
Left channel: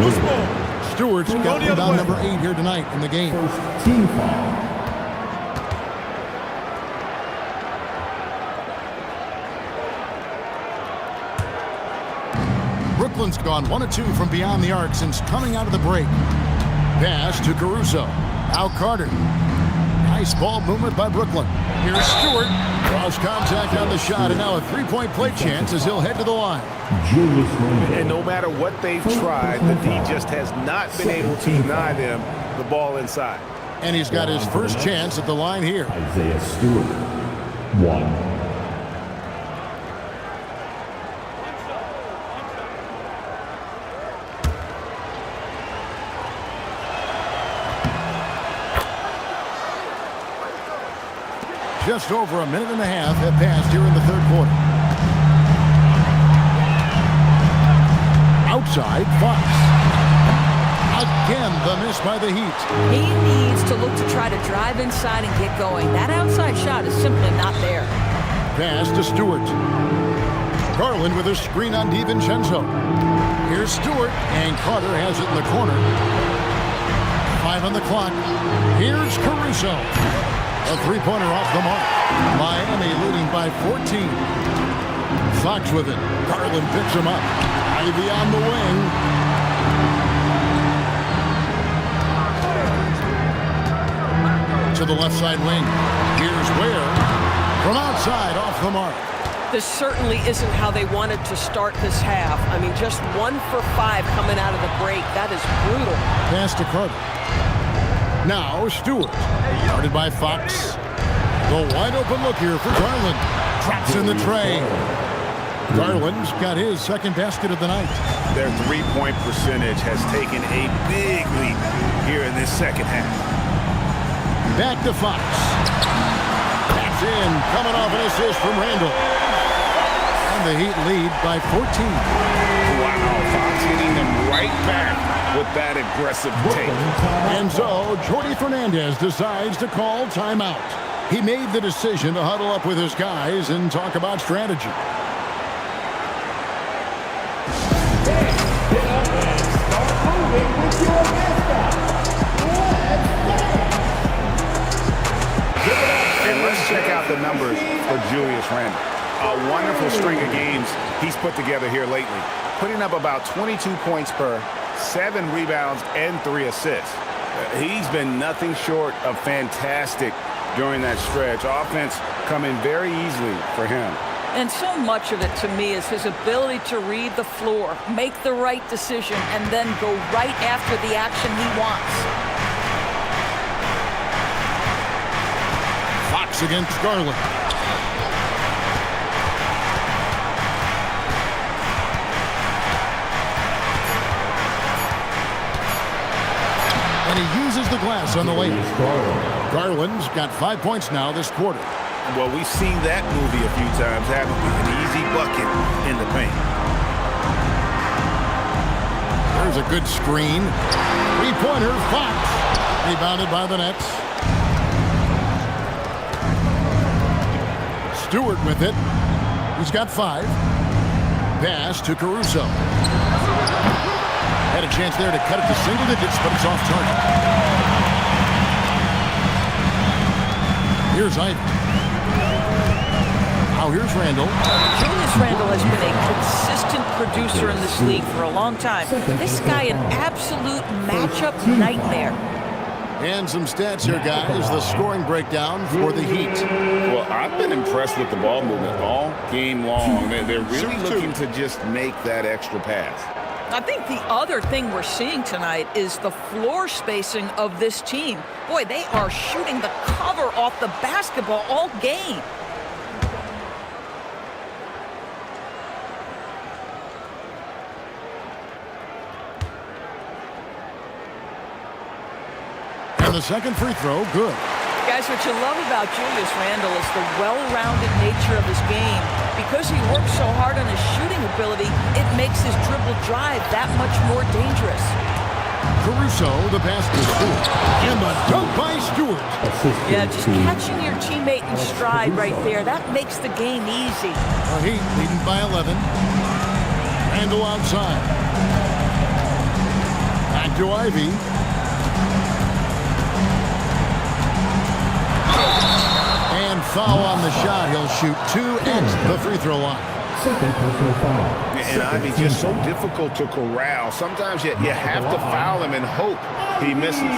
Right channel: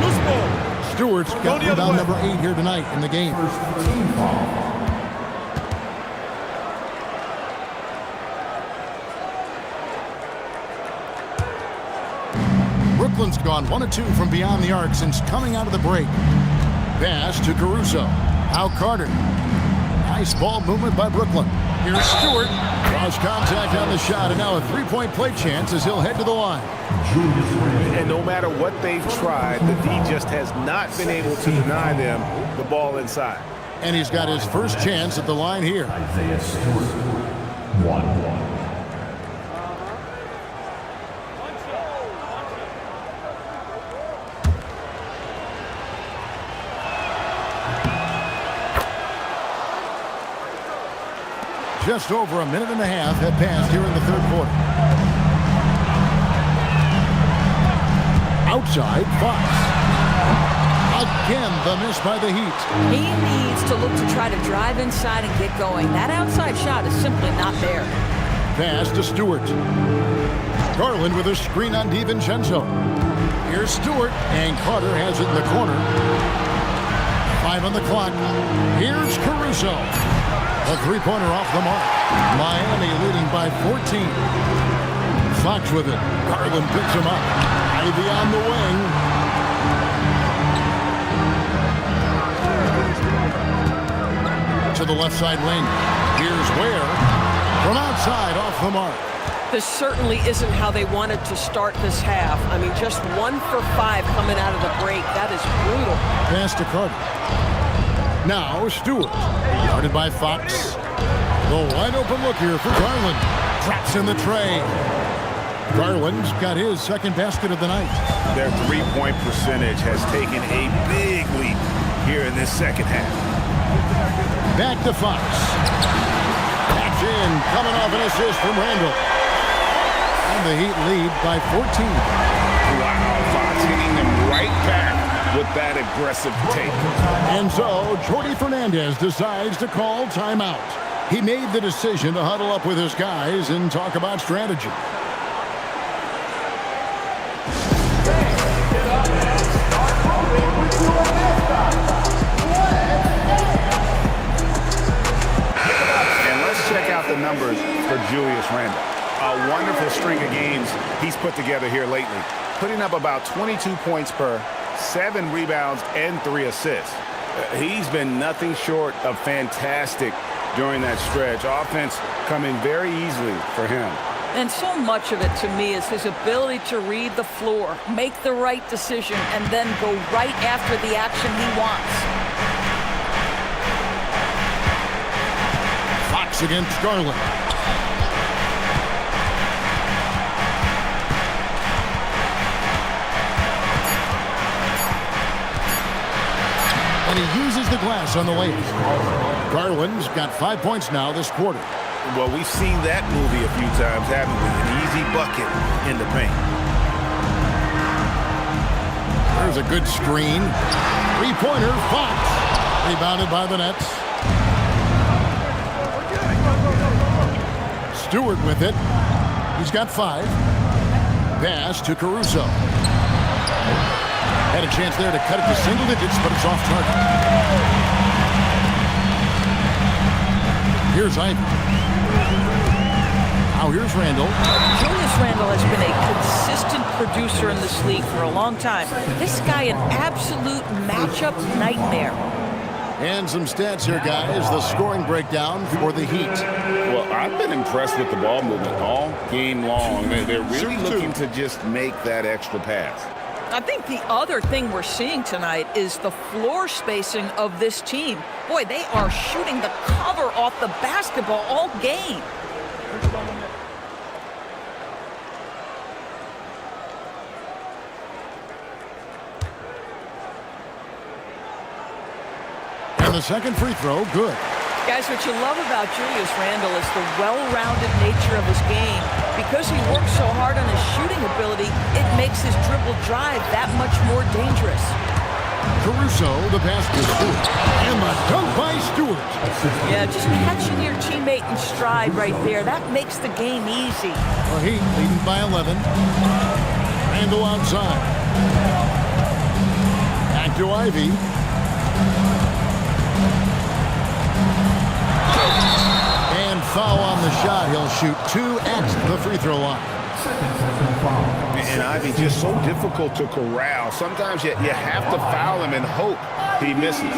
Loose ball. Stewart's got rebound number 8 here tonight in the game. First team foul. Brooklyn's gone 1 of 2 from beyond the arc since coming out of the break. Pass to Caruso. Now Carter. Nice ball movement by Brooklyn. Here's Stewart. Draws contact on the shot, and now a 3-point play chance as he'll head to the line. And no matter what they've tried, the D just has not been able to deny them the ball inside. And he's got his first chance at the line here. Isaiah Stewart. 1. Just over a minute and a half have passed here in the third quarter. Outside, Fox. Again, the miss by the Heat. He needs to look to try to drive inside and get going. That outside shot is simply not there. Pass to Stewart. Garland with a screen on DiVincenzo. Here's Stewart, and Carter has it in the corner. 5 on the clock. Here's Caruso. A 3-pointer off the mark. Miami leading by 14. Fox with it. Garland picks him up. Ivy on the wing. To the left side wing. Here's Ware. From outside, off the mark. This certainly isn't how they wanted to start this half. I mean, just 1 for 5 coming out of the break. That is brutal. Pass to Carter. Now Stewart, guarded by Fox. The wide open look here for Garland. Drops in the tray. Garland's got his second basket of the night. Their three-point percentage has taken a big leap here in this second half. Back to Fox. That's in, coming off an assist from Randall. And the Heat lead by 14. Wow, Fox hitting them right back with that aggressive take. And so, Jordi Fernandez decides to call timeout. He made the decision to huddle up with his guys and talk about strategy. And let's check out the numbers for Julius Randle. A wonderful string of games he's put together here lately, putting up about 22 points per, 7 rebounds, and 3 assists. He's been nothing short of fantastic during that stretch. Offense coming very easily for him. And so much of it, to me, is his ability to read the floor, make the right decision, and then go right after the action he wants. Fox against Garland. And he uses the glass on the layup. Garland's got 5 points now this quarter. Well, we've seen that movie a few times, haven't we? An easy bucket in the paint. There's a good screen. Three-pointer, Fox. Rebounded by the Nets. Stewart with it. He's got 5. Pass to Caruso. Had a chance there to cut it to single digits, but it's off target. Here's Ivy. Now here's Randall. Julius Randle has been a consistent producer in this league for a long time. This guy, an absolute matchup nightmare. And some stats here, guys. The scoring breakdown for the Heat. Well, I've been impressed with the ball movement all game long. They're really looking to just make that extra pass. I think the other thing we're seeing tonight is the floor spacing of this team. Boy, they are shooting the cover off the basketball all game. And the second free throw, good. Guys, what you love about Julius Randle is the well-rounded nature of his game. Because he works so hard on his shooting ability, it makes his dribble drive that much more dangerous. Caruso, the pass to Stewart. And the dunk by Stewart. Yeah, just catching your teammate in stride right there, that makes the game easy. The Heat leading by 11. Randle outside. Back to Ivy. And foul on the shot. He'll shoot 2 at the free throw line. And Ivy just so difficult to corral. Sometimes you have to foul him and hope he misses.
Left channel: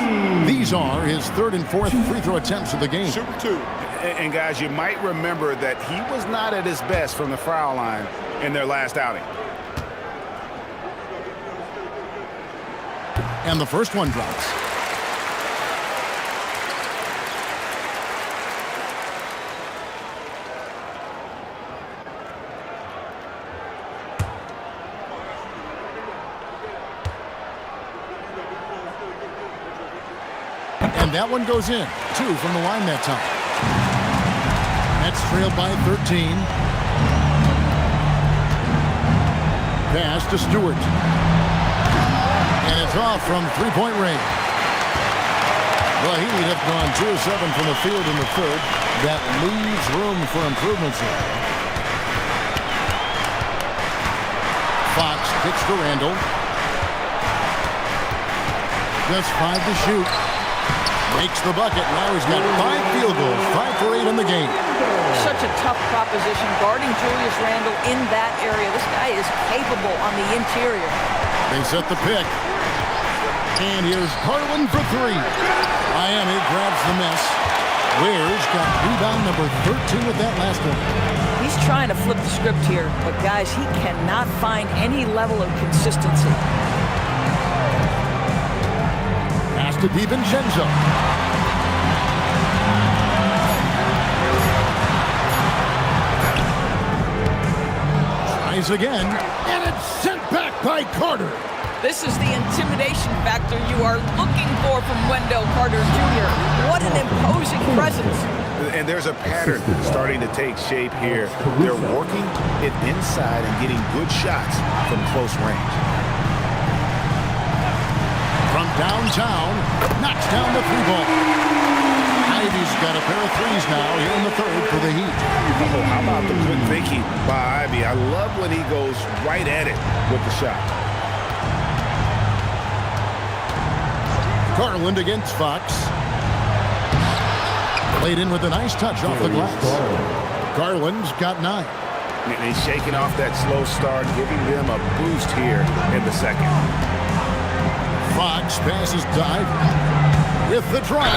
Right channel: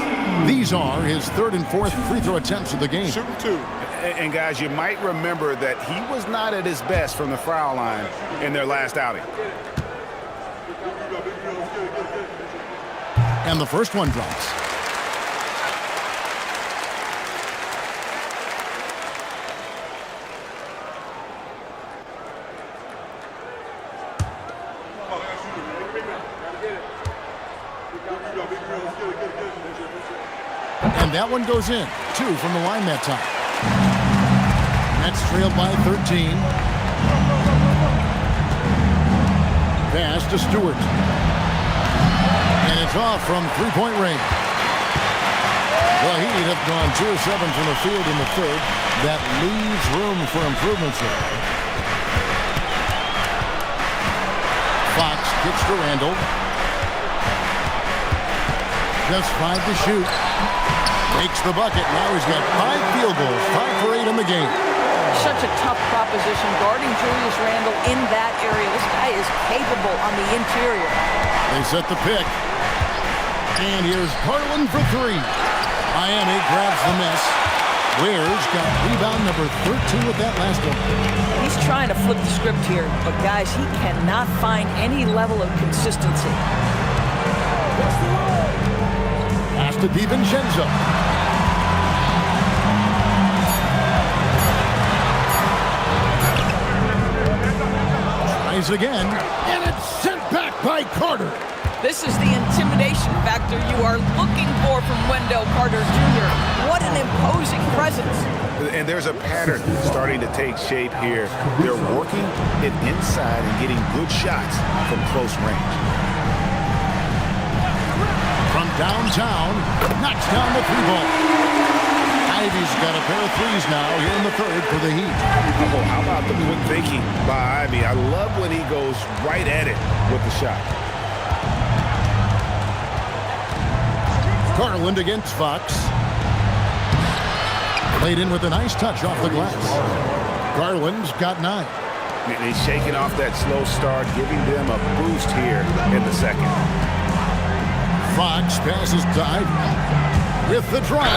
These are his 3rd and 4th free throw attempts of the game. Shooting 2. And guys, you might remember that he was not at his best from the foul line in their last outing. And the first one drops. And that one goes in. 2 from the line that time. Nets trailed by 13. Pass to Stewart. And it's off from three-point range. The Heat have gone 2 of 7 from the field in the 3rd. That leaves room for improvements here. Fox kicks to Randall. Just 5 to shoot. Makes the bucket. Now he's got 5 field goals, 5 for 8 in the game. Such a tough proposition guarding Julius Randle in that area. This guy is capable on the interior. They set the pick. And here's Garland for 3. Miami grabs the miss. Ware's got rebound number 13 with that last one. He's trying to flip the script here, but guys, he cannot find any level of consistency. Pass to DiVincenzo. Tries again, and it's sent back by Carter. This is the intimidation factor you are looking for from Wendell Carter Jr. What an imposing presence. And there's a pattern starting to take shape here. They're working it inside and getting good shots from close range. From downtown, knocks down the three ball. Ivy's got a pair of threes now here in the third for the Heat. Oh, how about the quick thinking by Ivy? I love when he goes right at it with the shot. Garland against Fox. Played in with a nice touch off the glass. Garland's got 9. And he's shaking off that slow start, giving them a boost here in the second. Fox passes to Ivy with the drive.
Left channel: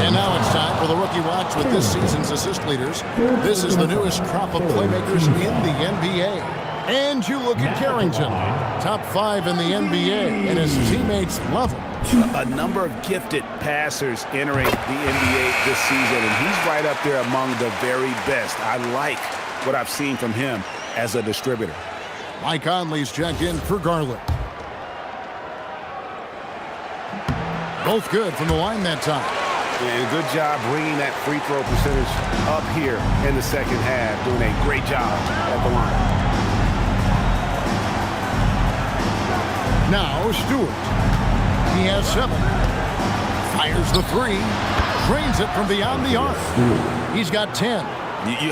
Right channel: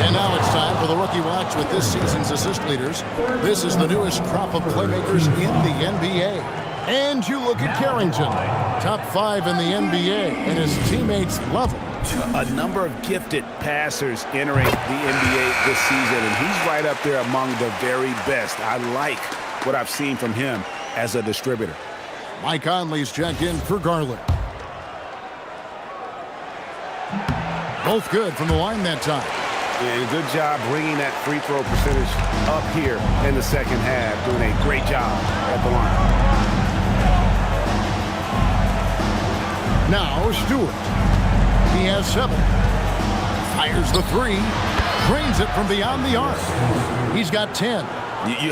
And now it's time for the Rookie Watch with this season's assist leaders. This is the newest crop of playmakers in the NBA. And you look at Carrington, top 5 in the NBA, and his teammates love him. A number of gifted passers entering the NBA this season, and he's right up there among the very best. I like what I've seen from him as a distributor. Mike Conley's checked in for Garland. Both good from the line that time. And good job bringing that free throw percentage up here in the second half, doing a great job at the line. Now Stewart. He has 7. Fires the 3. Drains it from beyond the arc. He's got 10.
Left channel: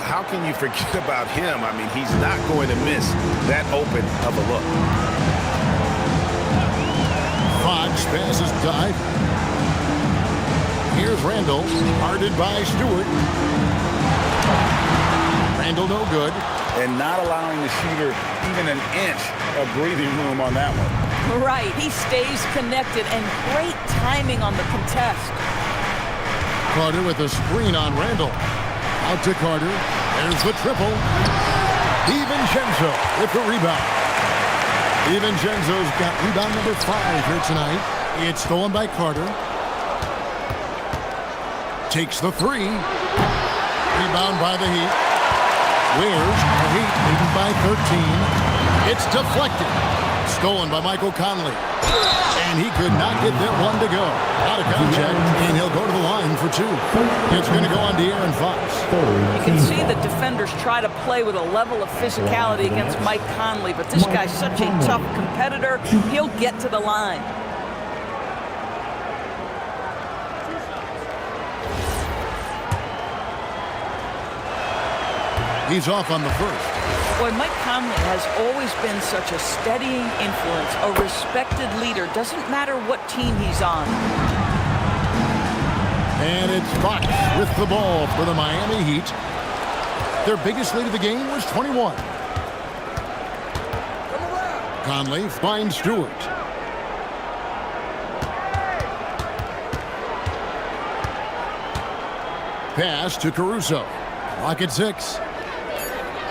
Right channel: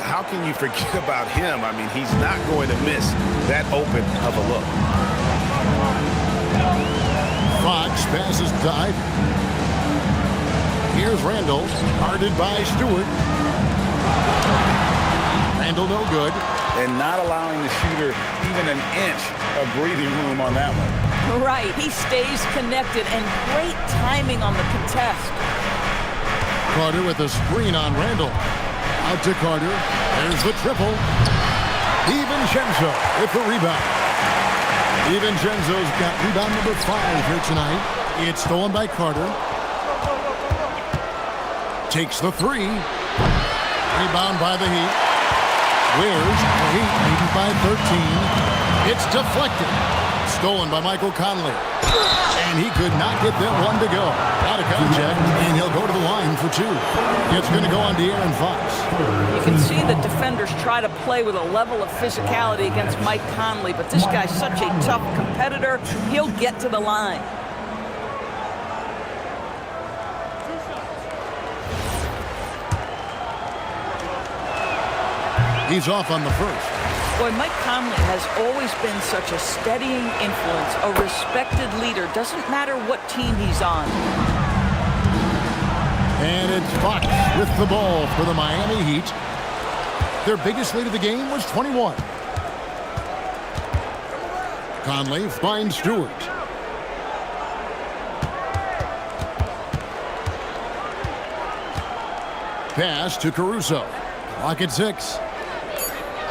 How can you forget about him? I mean, he's not going to miss that open of a look. Fox passes to Ivy. Here's Randall, guarded by Stewart. Randall no good. And not allowing the shooter even an inch of breathing room on that one. Right, he stays connected, and great timing on the contest. Carter with a screen on Randall. Out to Carter. There's the triple. DiVincenzo with the rebound. DiVincenzo's got rebound number 5 here tonight. It's stolen by Carter. Takes the 3. Rebound by the Heat. Wears the Heat leading by 13. It's deflected. Stolen by Michael Conley. And he could not get that one to go. Out of contact, and he'll go to the line for 2. It's going to go on De'Aaron Fox. You can see the defenders try to play with a level of physicality against Mike Conley, but this guy's such a tough competitor, he'll get to the line. He's off on the first. Boy, Mike Conley has always been such a steadying influence, a respected leader. Doesn't matter what team he's on. And it's Fox with the ball for the Miami Heat. Their biggest lead of the game was 21. Conley finds Stewart. Pass to Caruso. Clock at 6.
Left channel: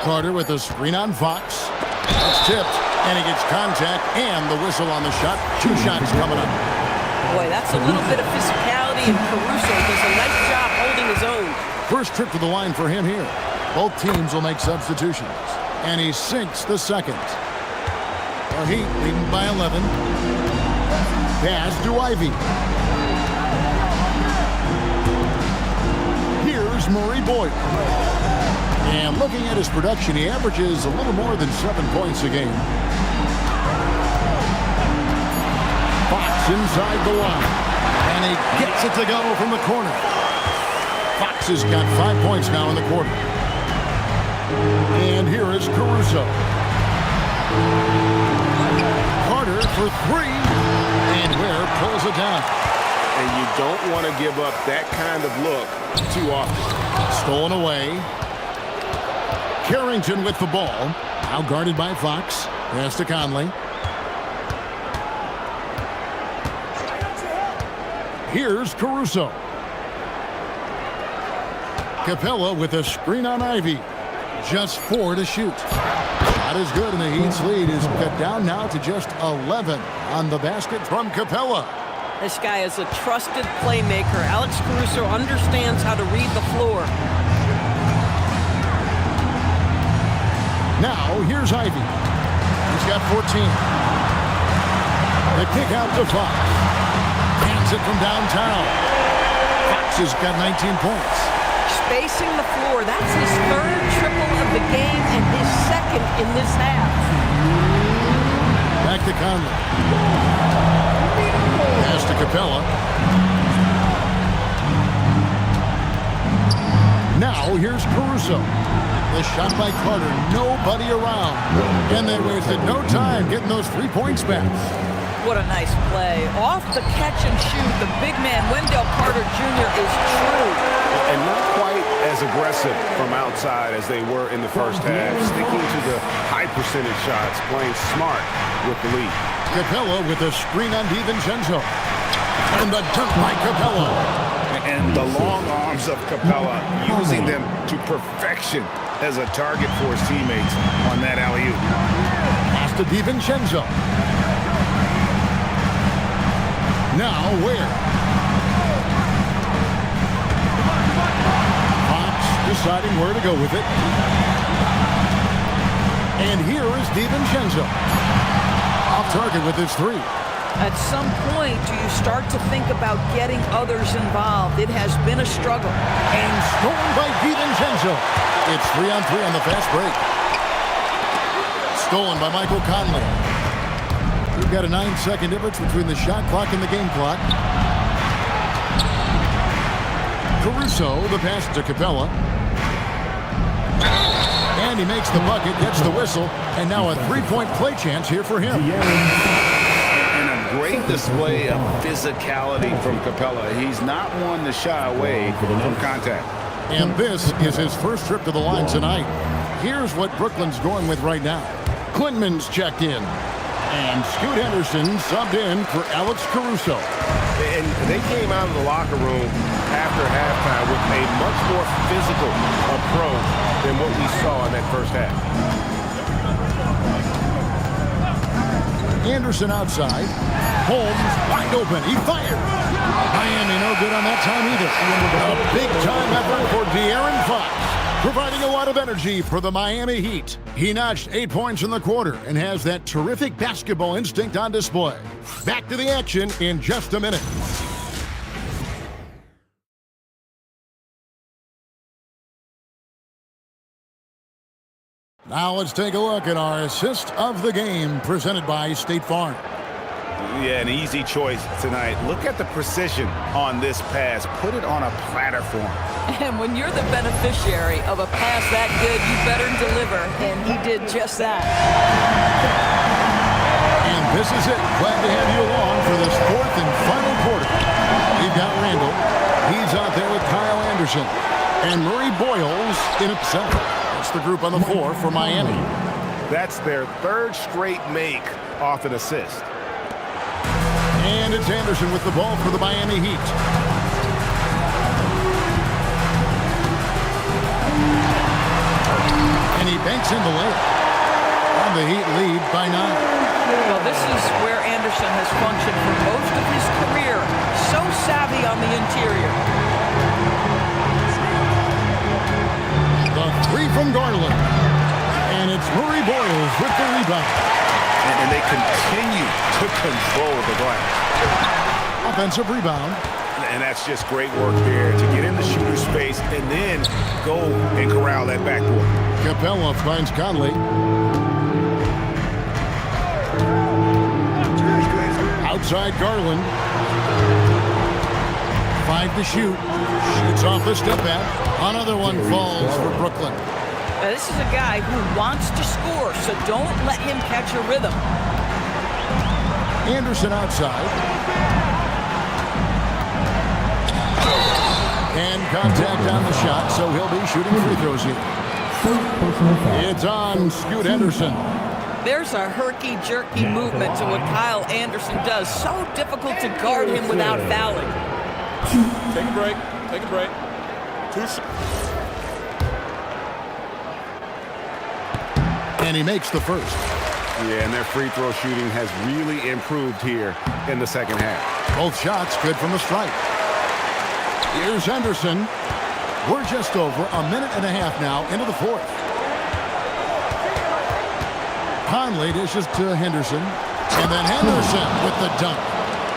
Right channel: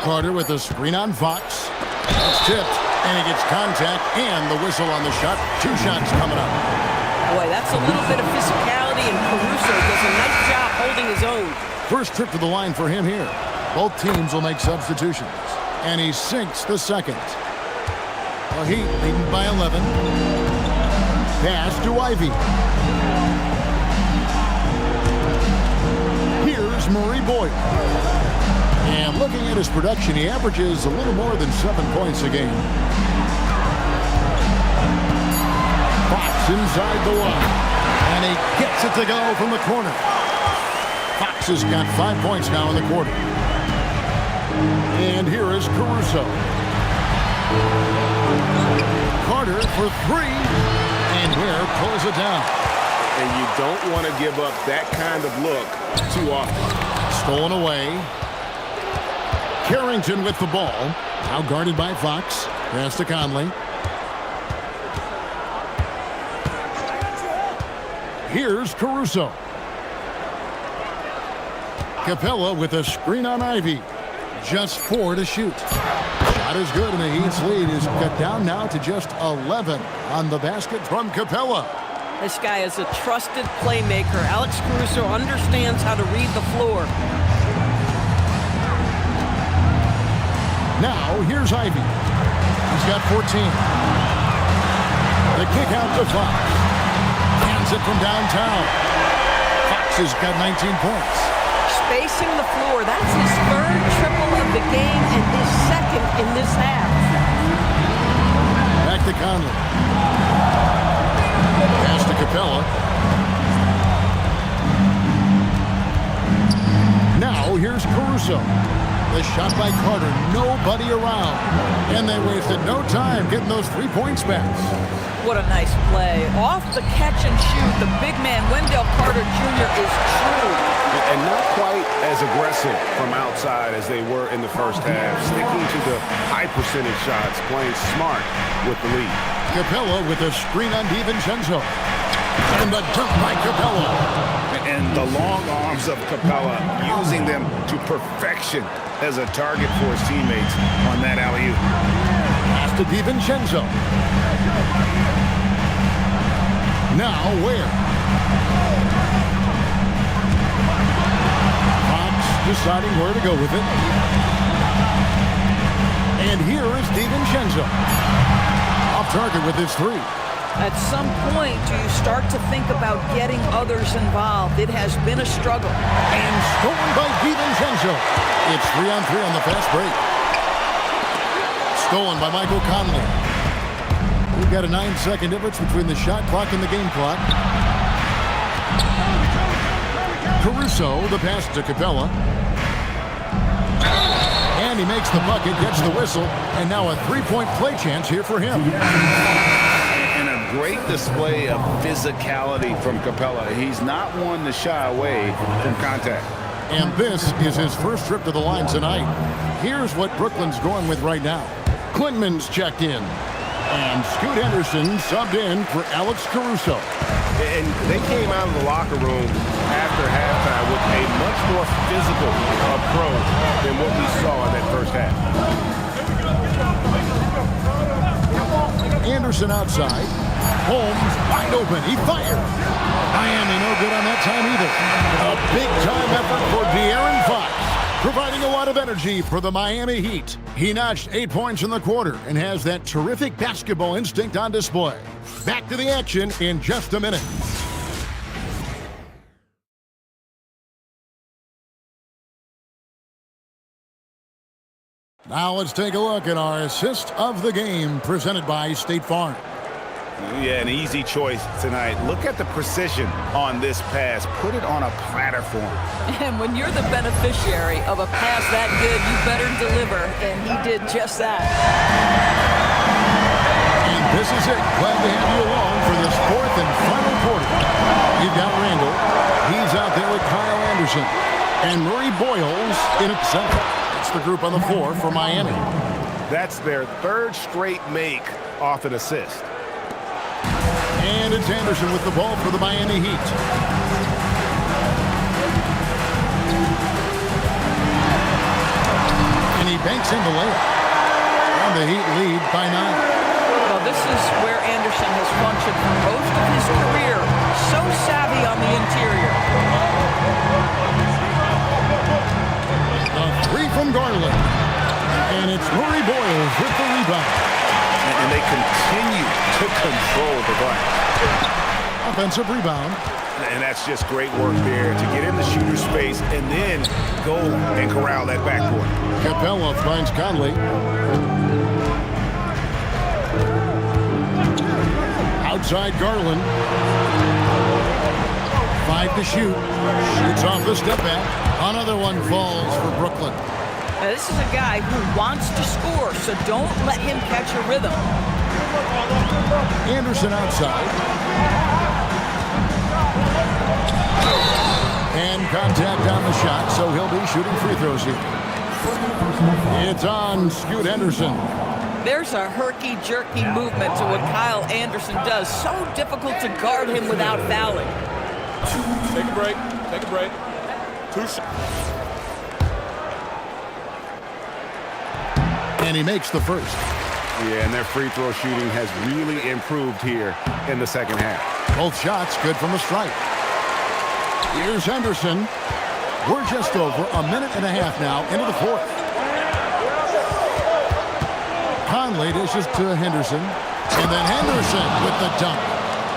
Carter with a screen on Fox. It's tipped, and he gets contact and the whistle on the shot. 2 shots coming up. Boy, that's a little bit of physicality, and Caruso does a nice job holding his own. First trip to the line for him here. Both teams will make substitutions. And he sinks the second. The Heat leading by 11. Pass to Ivy. Here's Murray Boyle. And looking at his production, he averages a little more than 7 points a game. Fox inside the line. And he gets it to go from the corner. Fox has got 5 points now in the quarter. And here is Caruso. Carter for 3. And Ware pulls it down. And you don't want to give up that kind of look too often. Stolen away. Carrington with the ball. Now guarded by Fox. Pass to Conley. Here's Caruso. Capella with a screen on Ivy. Just 4 to shoot. Shot is good, and the Heat's lead is cut down now to just 11 on the basket from Capella. This guy is a trusted playmaker. Alex Caruso understands how to read the floor. Now, here's Ivy. He's got 14. The kick out to Fox. Hands it from downtown. Fox has got 19 points. Spacing the floor. That's his third triple of the game and his second in this half. Back to Conley. Pass to Capella. Now here's Caruso. The shot by Carter. Nobody around. And they wasted no time getting those 3 points back. What a nice play. Off the catch and shoot, the big man, Wendell Carter Jr. is true. And not quite as aggressive from outside as they were in the first half. Sticking to the high percentage shots, playing smart with the lead. Capella with a screen on DiVincenzo. And the dunk by Capella. And the long arms of Capella, using them to perfection as a target for his teammates on that alley-oop. Pass to DiVincenzo. Now where? Fox deciding where to go with it. And here is DiVincenzo. Off target with his three. At some point, do you start to think about getting others involved? It has been a struggle. And stolen by DiVincenzo. It's 3-on-3 on the fast break. Stolen by Michael Conley. We've got a 9-second difference between the shot clock and the game clock. Caruso, the pass to Capella. And he makes the bucket, gets the whistle, and now a three-point play chance here for him. And a great display of physicality from Capella. He's not one to shy away from contact. And this is his first trip to the line tonight. Here's what Brooklyn's going with right now. Quinman's checked in. And Scoot Henderson subbed in for Alex Caruso. And they came out of the locker room after halftime with a much more physical approach than what we saw in that first half. Anderson outside. Holmes wide open. He fired. Miami no good on that time either. A big-time effort for De'Aaron Fox, providing a lot of energy for the Miami Heat. He notched 8 points in the quarter and has that terrific basketball instinct on display. Back to the action in just a minute. Now let's take a look at our assist of the game presented by State Farm. Yeah, an easy choice tonight. Look at the precision on this pass. Put it on a platter form. And when you're the beneficiary of a pass that good, you better deliver, and he did just that. And this is it. Glad to have you along for this fourth and final quarter. We've got Randall. He's out there with Kyle Anderson. And Murray Boyles in at center. That's the group on the floor for Miami. That's their third straight make off an assist. And it's Anderson with the ball for the Miami Heat. And he banks in the layup. And the Heat lead by 9. Well, this is where Anderson has functioned for most of his career. So savvy on the interior. The three from Garland. And it's Murray Boyles with the rebound. And they continue to control the glass. Offensive rebound. And that's just great work there to get in the shooter's space and then go and corral that backboard. Capella finds Conley. Outside Garland. 5 to shoot. Shoots off the step back. Another one falls for Brooklyn. Now, this is a guy who wants to score, so don't let him catch a rhythm. Anderson outside. And contact on the shot, so he'll be shooting free throws here. It's on Scoot Henderson. There's a herky-jerky movement to what Kyle Anderson does. So difficult to guard him without fouling. Take a break. Take a break. 2 shots. And he makes the first. Yeah, and their free throw shooting has really improved here in the second half. Both shots good from the stripe. Here's Henderson. We're just over a minute and a half now into the fourth. Conley dishes to Henderson. And then Henderson with the dunk.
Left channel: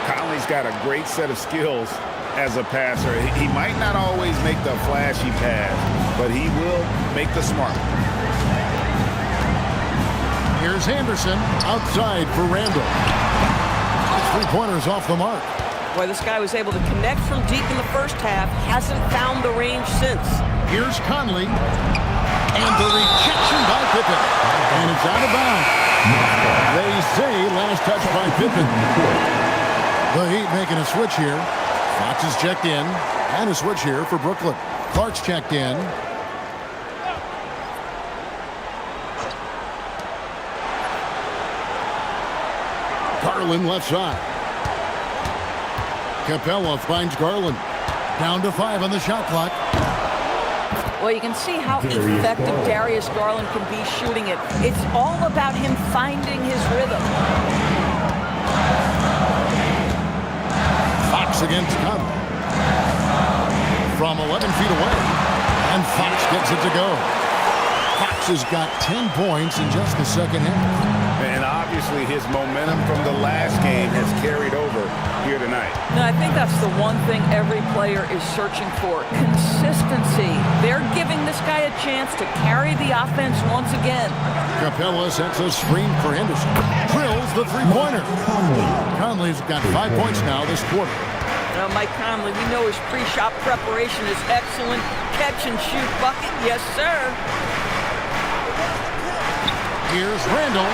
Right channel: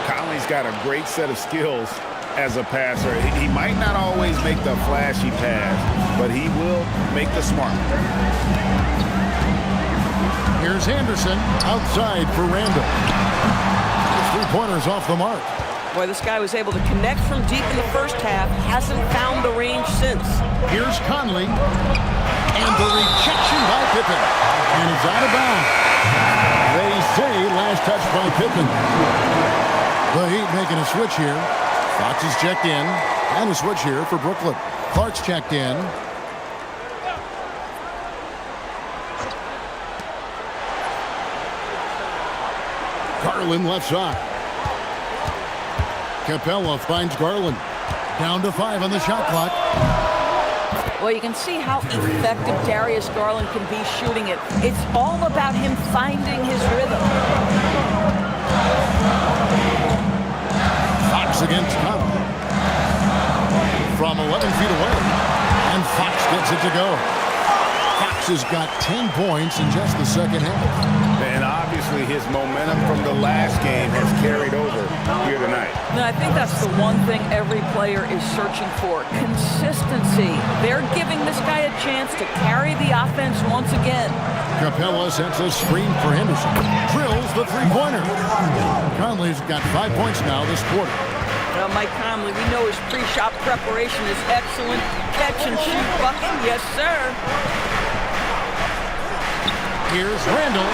Conley's got a great set of skills as a passer. He might not always make the flashy pass, but he will make the smart one. Here's Anderson outside for Randall. Three-pointers off the mark. Boy, this guy was able to connect from deep in the first half. Hasn't found the range since. Here's Conley. And the rejection by Pippen. And it's out of bounds. They say last touch by Pippen. The Heat making a switch here. Fox is checked in. And a switch here for Brooklyn. Clark's checked in. Garland left side. Capella finds Garland. Down to 5 on the shot clock. Well, you can see how effective Darius Garland can be shooting it. It's all about him finding his rhythm. Fox against Conley. From 11 feet away. And Fox gets it to go. Fox has got 10 points in just the second half. And obviously his momentum from the last game has carried over here tonight. Now, I think that's the one thing every player is searching for, consistency. They're giving this guy a chance to carry the offense once again. Capella sets a screen for Henderson. Drills the three-pointer. Conley's got 5 points now this quarter. Now, Mike Conley, we know his pre-shot preparation is excellent. Catch and shoot bucket, yes, sir. Here's Randall.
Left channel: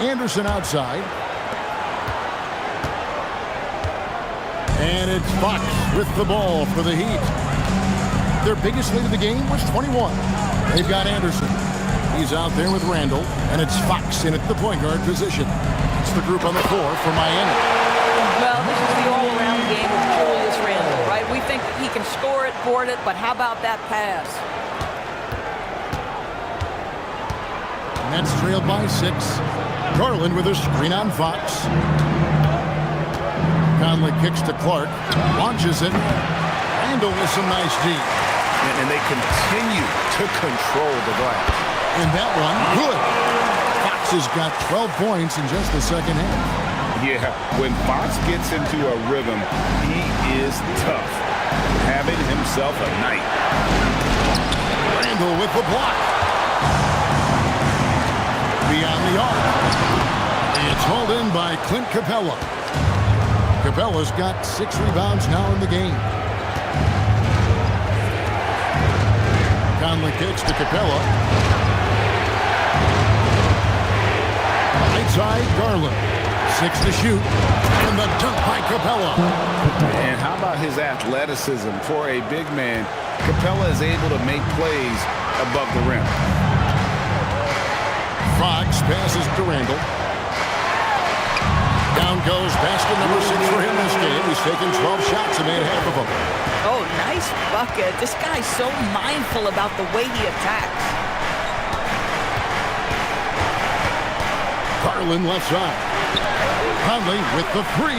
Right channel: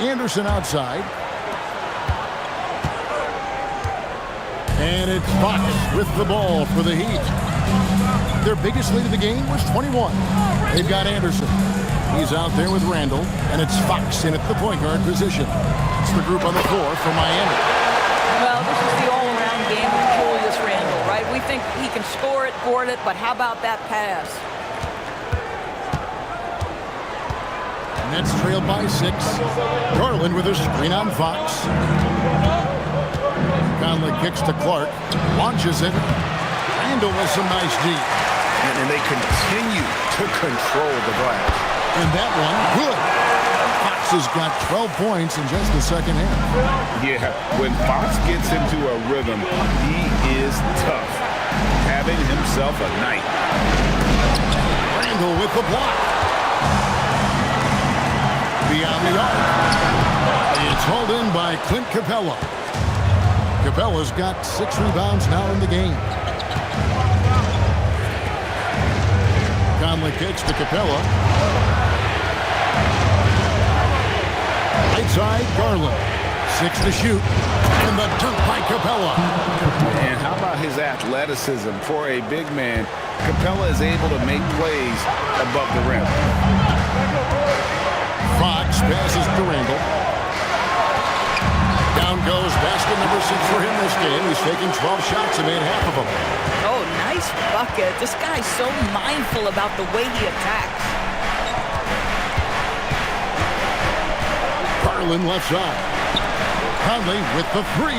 Anderson outside. And it's Fox with the ball for the Heat. Their biggest lead of the game was 21. They've got Anderson. He's out there with Randall, and it's Fox in at the point guard position. It's the group on the floor for Miami. Well, this is the all-around game of Julius Randle, right? We think he can score it, board it, but how about that pass? Nets trailed by 6. Garland with a screen on Fox. Conley kicks to Clark, launches it. Randall with some nice D. And they continue to control the glass. And that one, good. Fox has got 12 points in just the second half. Yeah, when Fox gets into a rhythm, he is tough. Having himself a night. Randall with the block. Beyond the arc. It's hauled in by Clint Capella. Capella's got 6 rebounds now in the game. Conley kicks to Capella. Right side, Garland. 6 to shoot. And the dunk by Capella. And how about his athleticism? For a big man, Capella is able to make plays above the rim. Fox passes to Randall. Down goes basket number 6 for him this game. He's taken 12 shots and made half of them. Oh, nice bucket. This guy's so mindful about the way he attacks. Garland left side. Conley with the 3.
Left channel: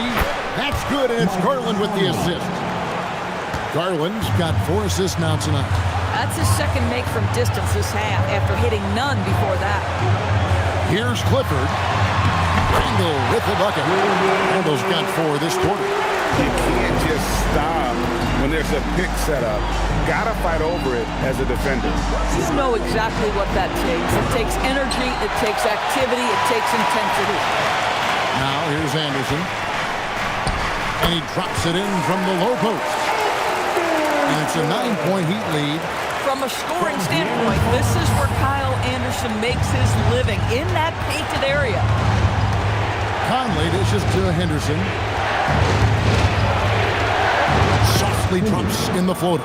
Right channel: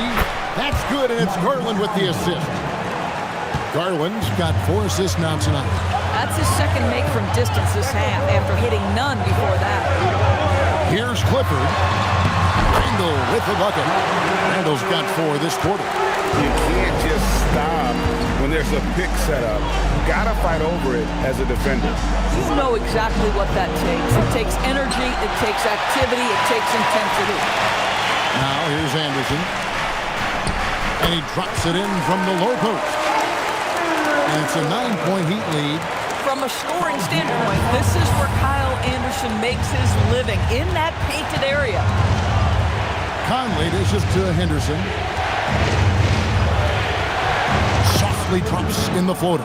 That's good, and it's Garland with the assist. Garland's got 4 assists now tonight. That's his second make from distance this half after hitting none before that. Here's Clifford. Randall with the bucket. Randall's got 4 this quarter. You can't just stop when there's a pick set up. Gotta fight over it as a defender. You know exactly what that takes. It takes energy, it takes activity, it takes intensity. Now here's Anderson. And he drops it in from the low post. And it's a 9-point Heat lead. From a scoring standpoint, this is where Kyle Anderson makes his living, in that painted area. Conley dishes to Henderson. Softly drops in the floater.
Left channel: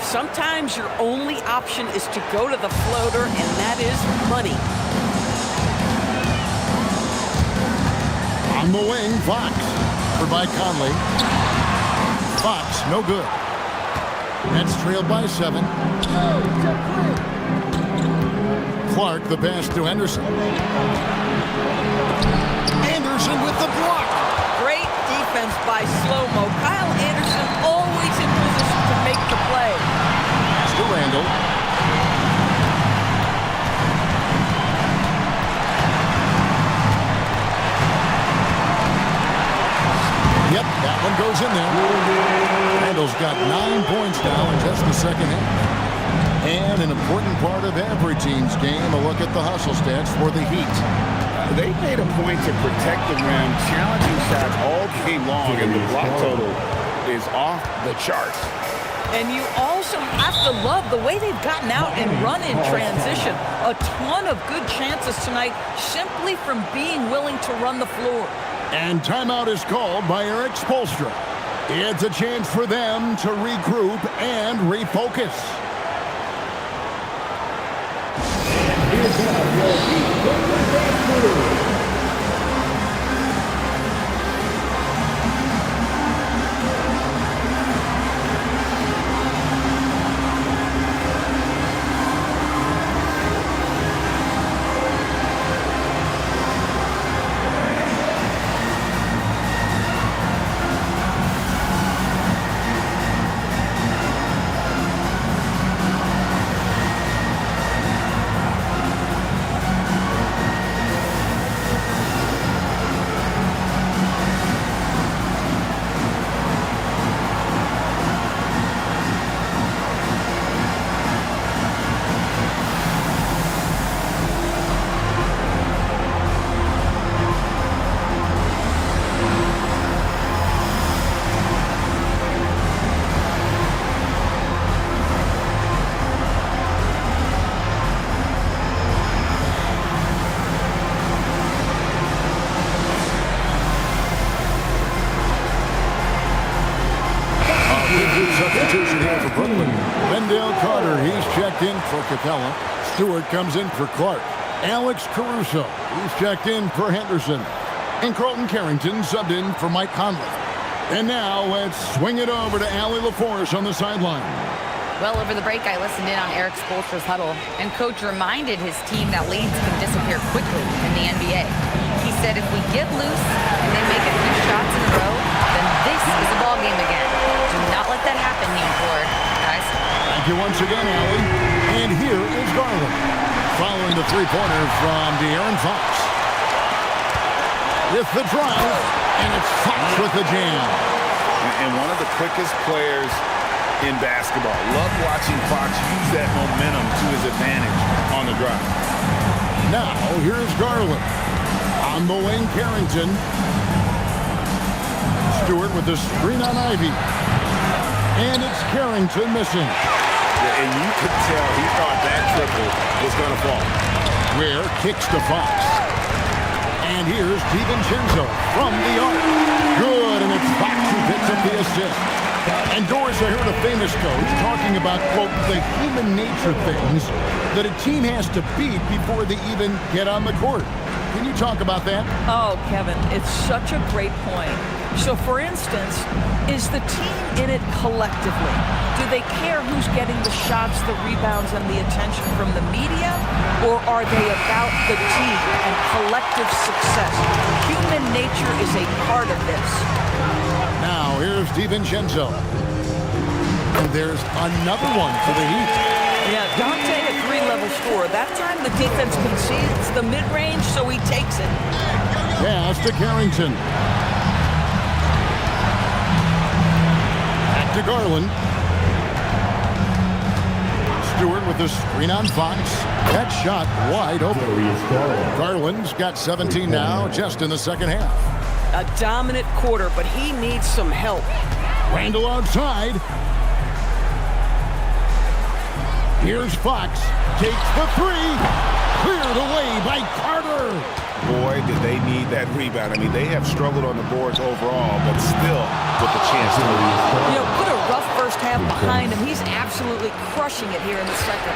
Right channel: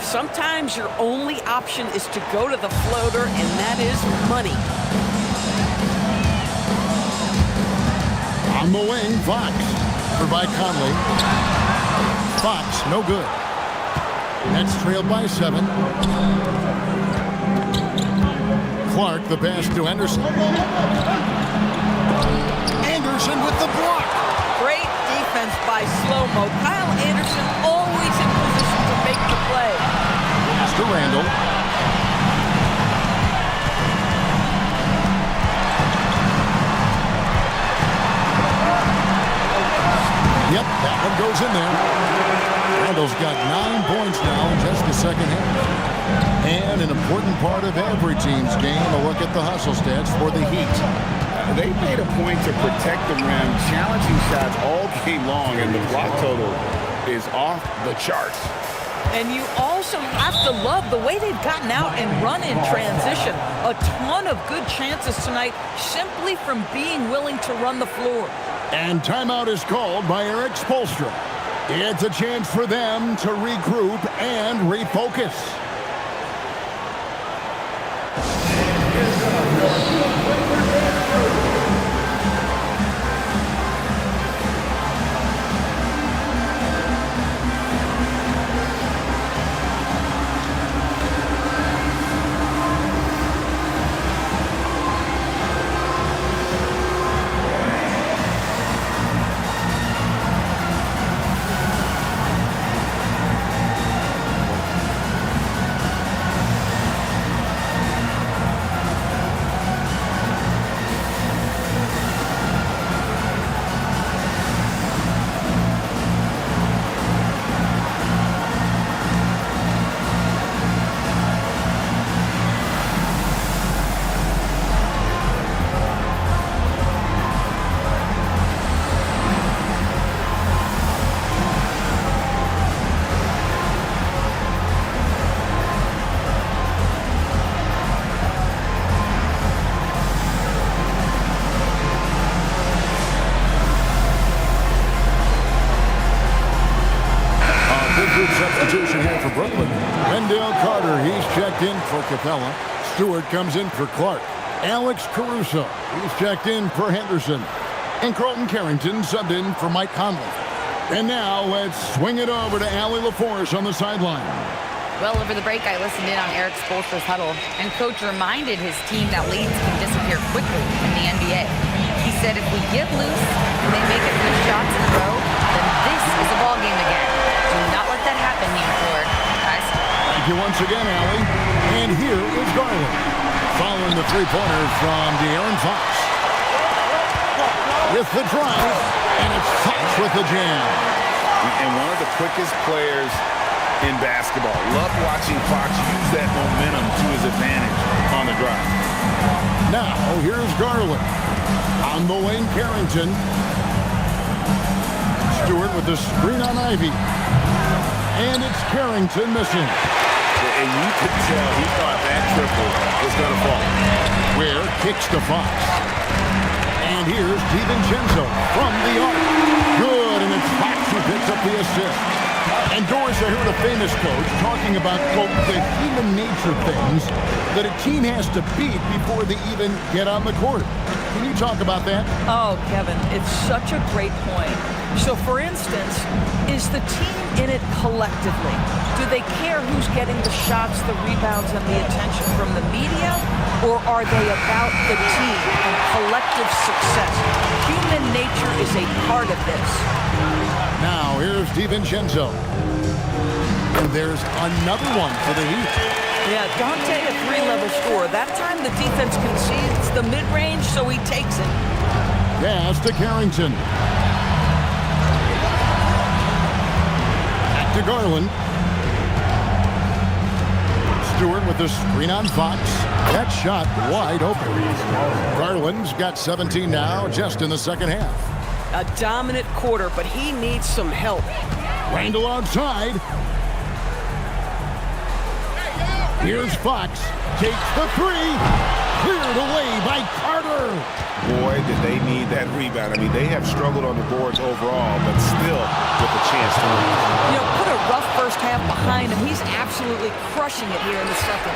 Sometimes your only option is to go to the floater, and that is money. On the wing, Fox. For by Conley. Fox, no good. Nets trailed by 7. Clark, the pass to Henderson. Anderson with the block. Great defense by Slow-Mo. Kyle Anderson always in position to make the play. Pass to Randall. Yep, that one goes in there. Randall's got 9 points now in just the second half. And an important part of every team's game, a look at the hustle stats for the Heat. They made a point to protect the rim, challenging shots all game long, and the block total is off the charts. And you also have to love the way they've gotten out and run in transition. A ton of good chances tonight simply from being willing to run the floor. And timeout is called by Eric Spoelstra. It's a chance for them to regroup and refocus. group substitution here for Brooklyn. Wendell Carter, he's checked in for Capella. Stewart comes in for Clark. Alex Caruso, he's checked in for Henderson. And Carlton Carrington subbed in for Mike Conley. And now let's swing it over to Allie LaForce on the sideline. Well, over the break, I listened in on Eric Spoelstra's huddle, and Coach reminded his team that leads can disappear quickly in the NBA. He said if we get loose and they make a few shots in a row, then this is a ball game again. Do not let that happen, he implored. Guys. Thank you once again, Allie. And here is Garland, following the three-pointer from De'Aaron Fox. With the drive, and it's Fox with the jam. And one of the quickest players in basketball. Love watching Fox use that momentum to his advantage on the drive. Now, here's Garland. On the wing, Carrington. Stewart with the screen on Ivy. And it's Carrington missing. And you could tell he thought that triple was going to fall. Ware kicks to Fox. And here's DiVincenzo from the arc. Good, and it's Fox who picks up the assist. And Doris, I heard a famous coach talking about, quote, the human nature things that a team has to beat before they even get on the court. Can you talk about that? Oh, Kevin, it's such a great point. So, for instance, is the team in it collectively? Do they care who's getting the shots, the rebounds, and the attention from the media? Or are they about the team and collective success? Human nature is a part of this. Now, here's DiVincenzo. And there's another one for the Heat. Yeah, Dante, a three-level scorer. That time the defense concedes the mid-range, so he takes it. Pass to Carrington. Back to Garland. Stewart with the screen on Fox. That shot wide open. Garland's got 17 now, just in the second half. A dominant quarter, but he needs some help. Randall outside. Here's Fox. Takes the three. Cleared away by Carter. Boy, did they need that rebound. I mean, they have struggled on the boards overall, but still with a chance to win. You know, put a rough first half behind him. He's absolutely crushing it here in the second.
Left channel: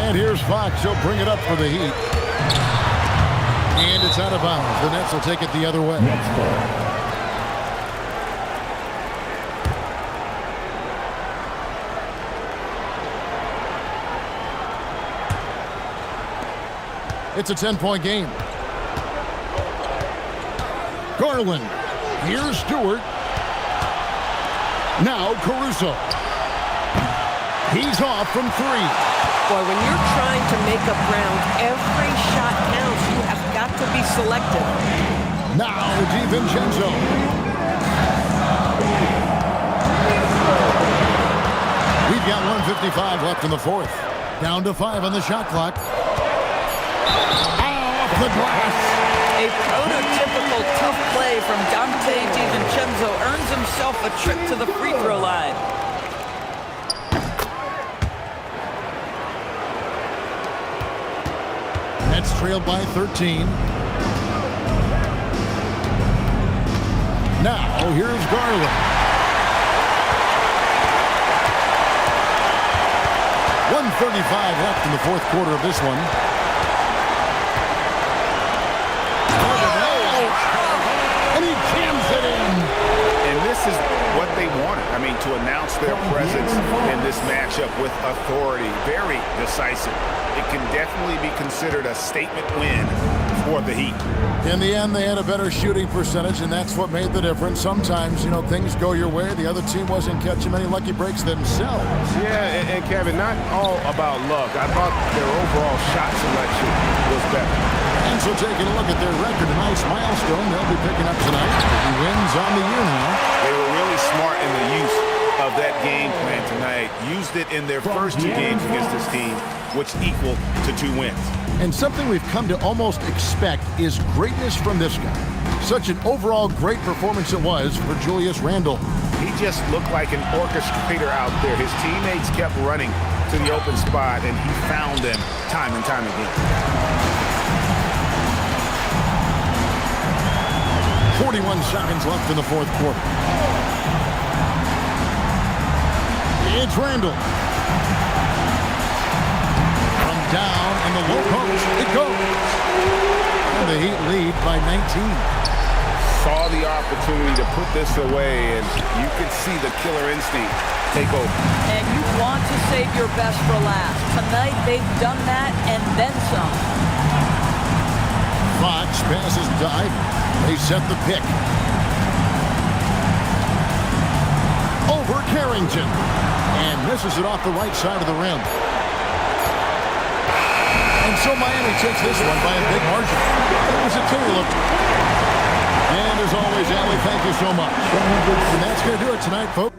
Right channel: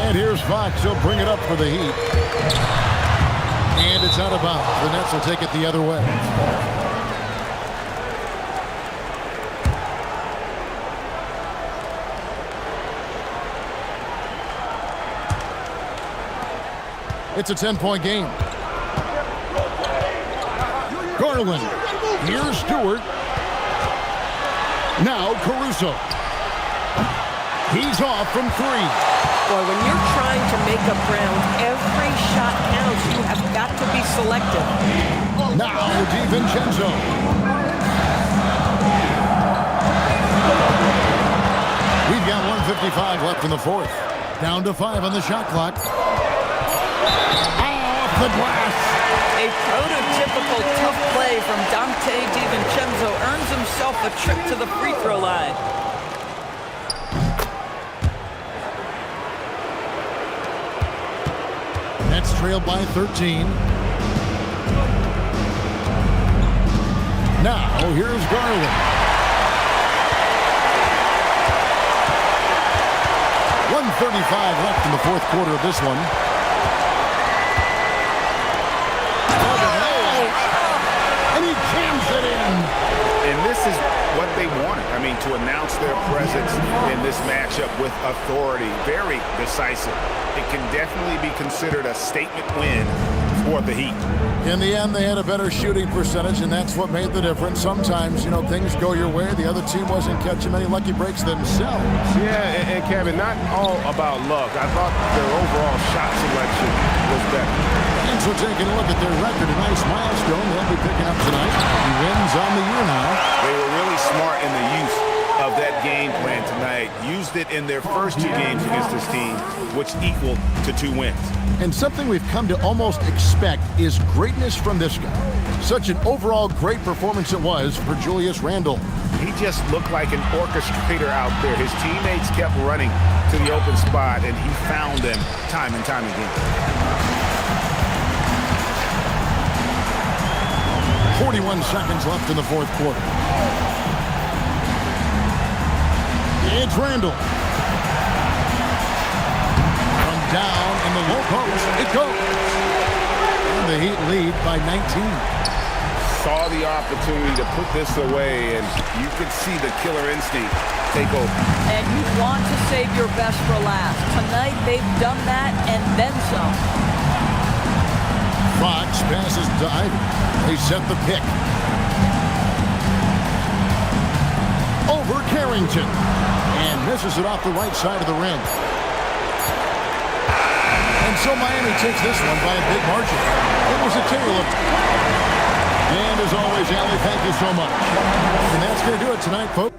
And here's Fox. He'll bring it up for the Heat. And it's out of bounds. The Nets will take it the other way. It's a 10-point game. Garland. Here's Stewart. Now Caruso. He's off from three. Boy, when you're trying to make up ground, every shot counts. You have got to be selective. Now DiVincenzo. We've got 1:55 left in the fourth. Down to 5 on the shot clock. Off the glass. A prototypical tough play from Dante DiVincenzo earns himself a trip to the free throw line. Nets trailed by 13. Now, here's Garland. 1:35 left in the fourth quarter of this one. And he jams it in. And this is what they wanted. I mean, to announce their presence in this matchup with authority. Very decisive. It can definitely be considered a statement win for the Heat. In the end, they had a better shooting percentage, and that's what made the difference. Sometimes, you know, things go your way. The other team wasn't catching many lucky breaks themselves. Yeah, and Kevin, not all about luck. I thought their overall shot selection was better. And so taking a look at their record, a nice milestone they'll be picking up tonight. He wins on the year now. They were really smart in the use of that game plan tonight. Used it in their first 2 games against this team, which equaled to 2 wins. And something we've come to almost expect is greatness from this guy. Such an overall great performance it was for Julius Randle. He just looked like an orchestrator out there. His teammates kept running to the open spot, and he found them time and time again. 41 seconds left in the fourth quarter. It's Randall. From down in the low post, it goes. And the Heat lead by 19. Saw the opportunity to put this away, and you could see the killer instinct take over. And you want to save your best for last. Tonight, they've done that and then some. Fox passes to Ivy. They set the pick. Over Carrington. And misses it off the right side of the rim. And so Miami takes this one by a big margin. It was a tale of... And as always, Allie, thank you so much. And that's going to do it tonight, folks.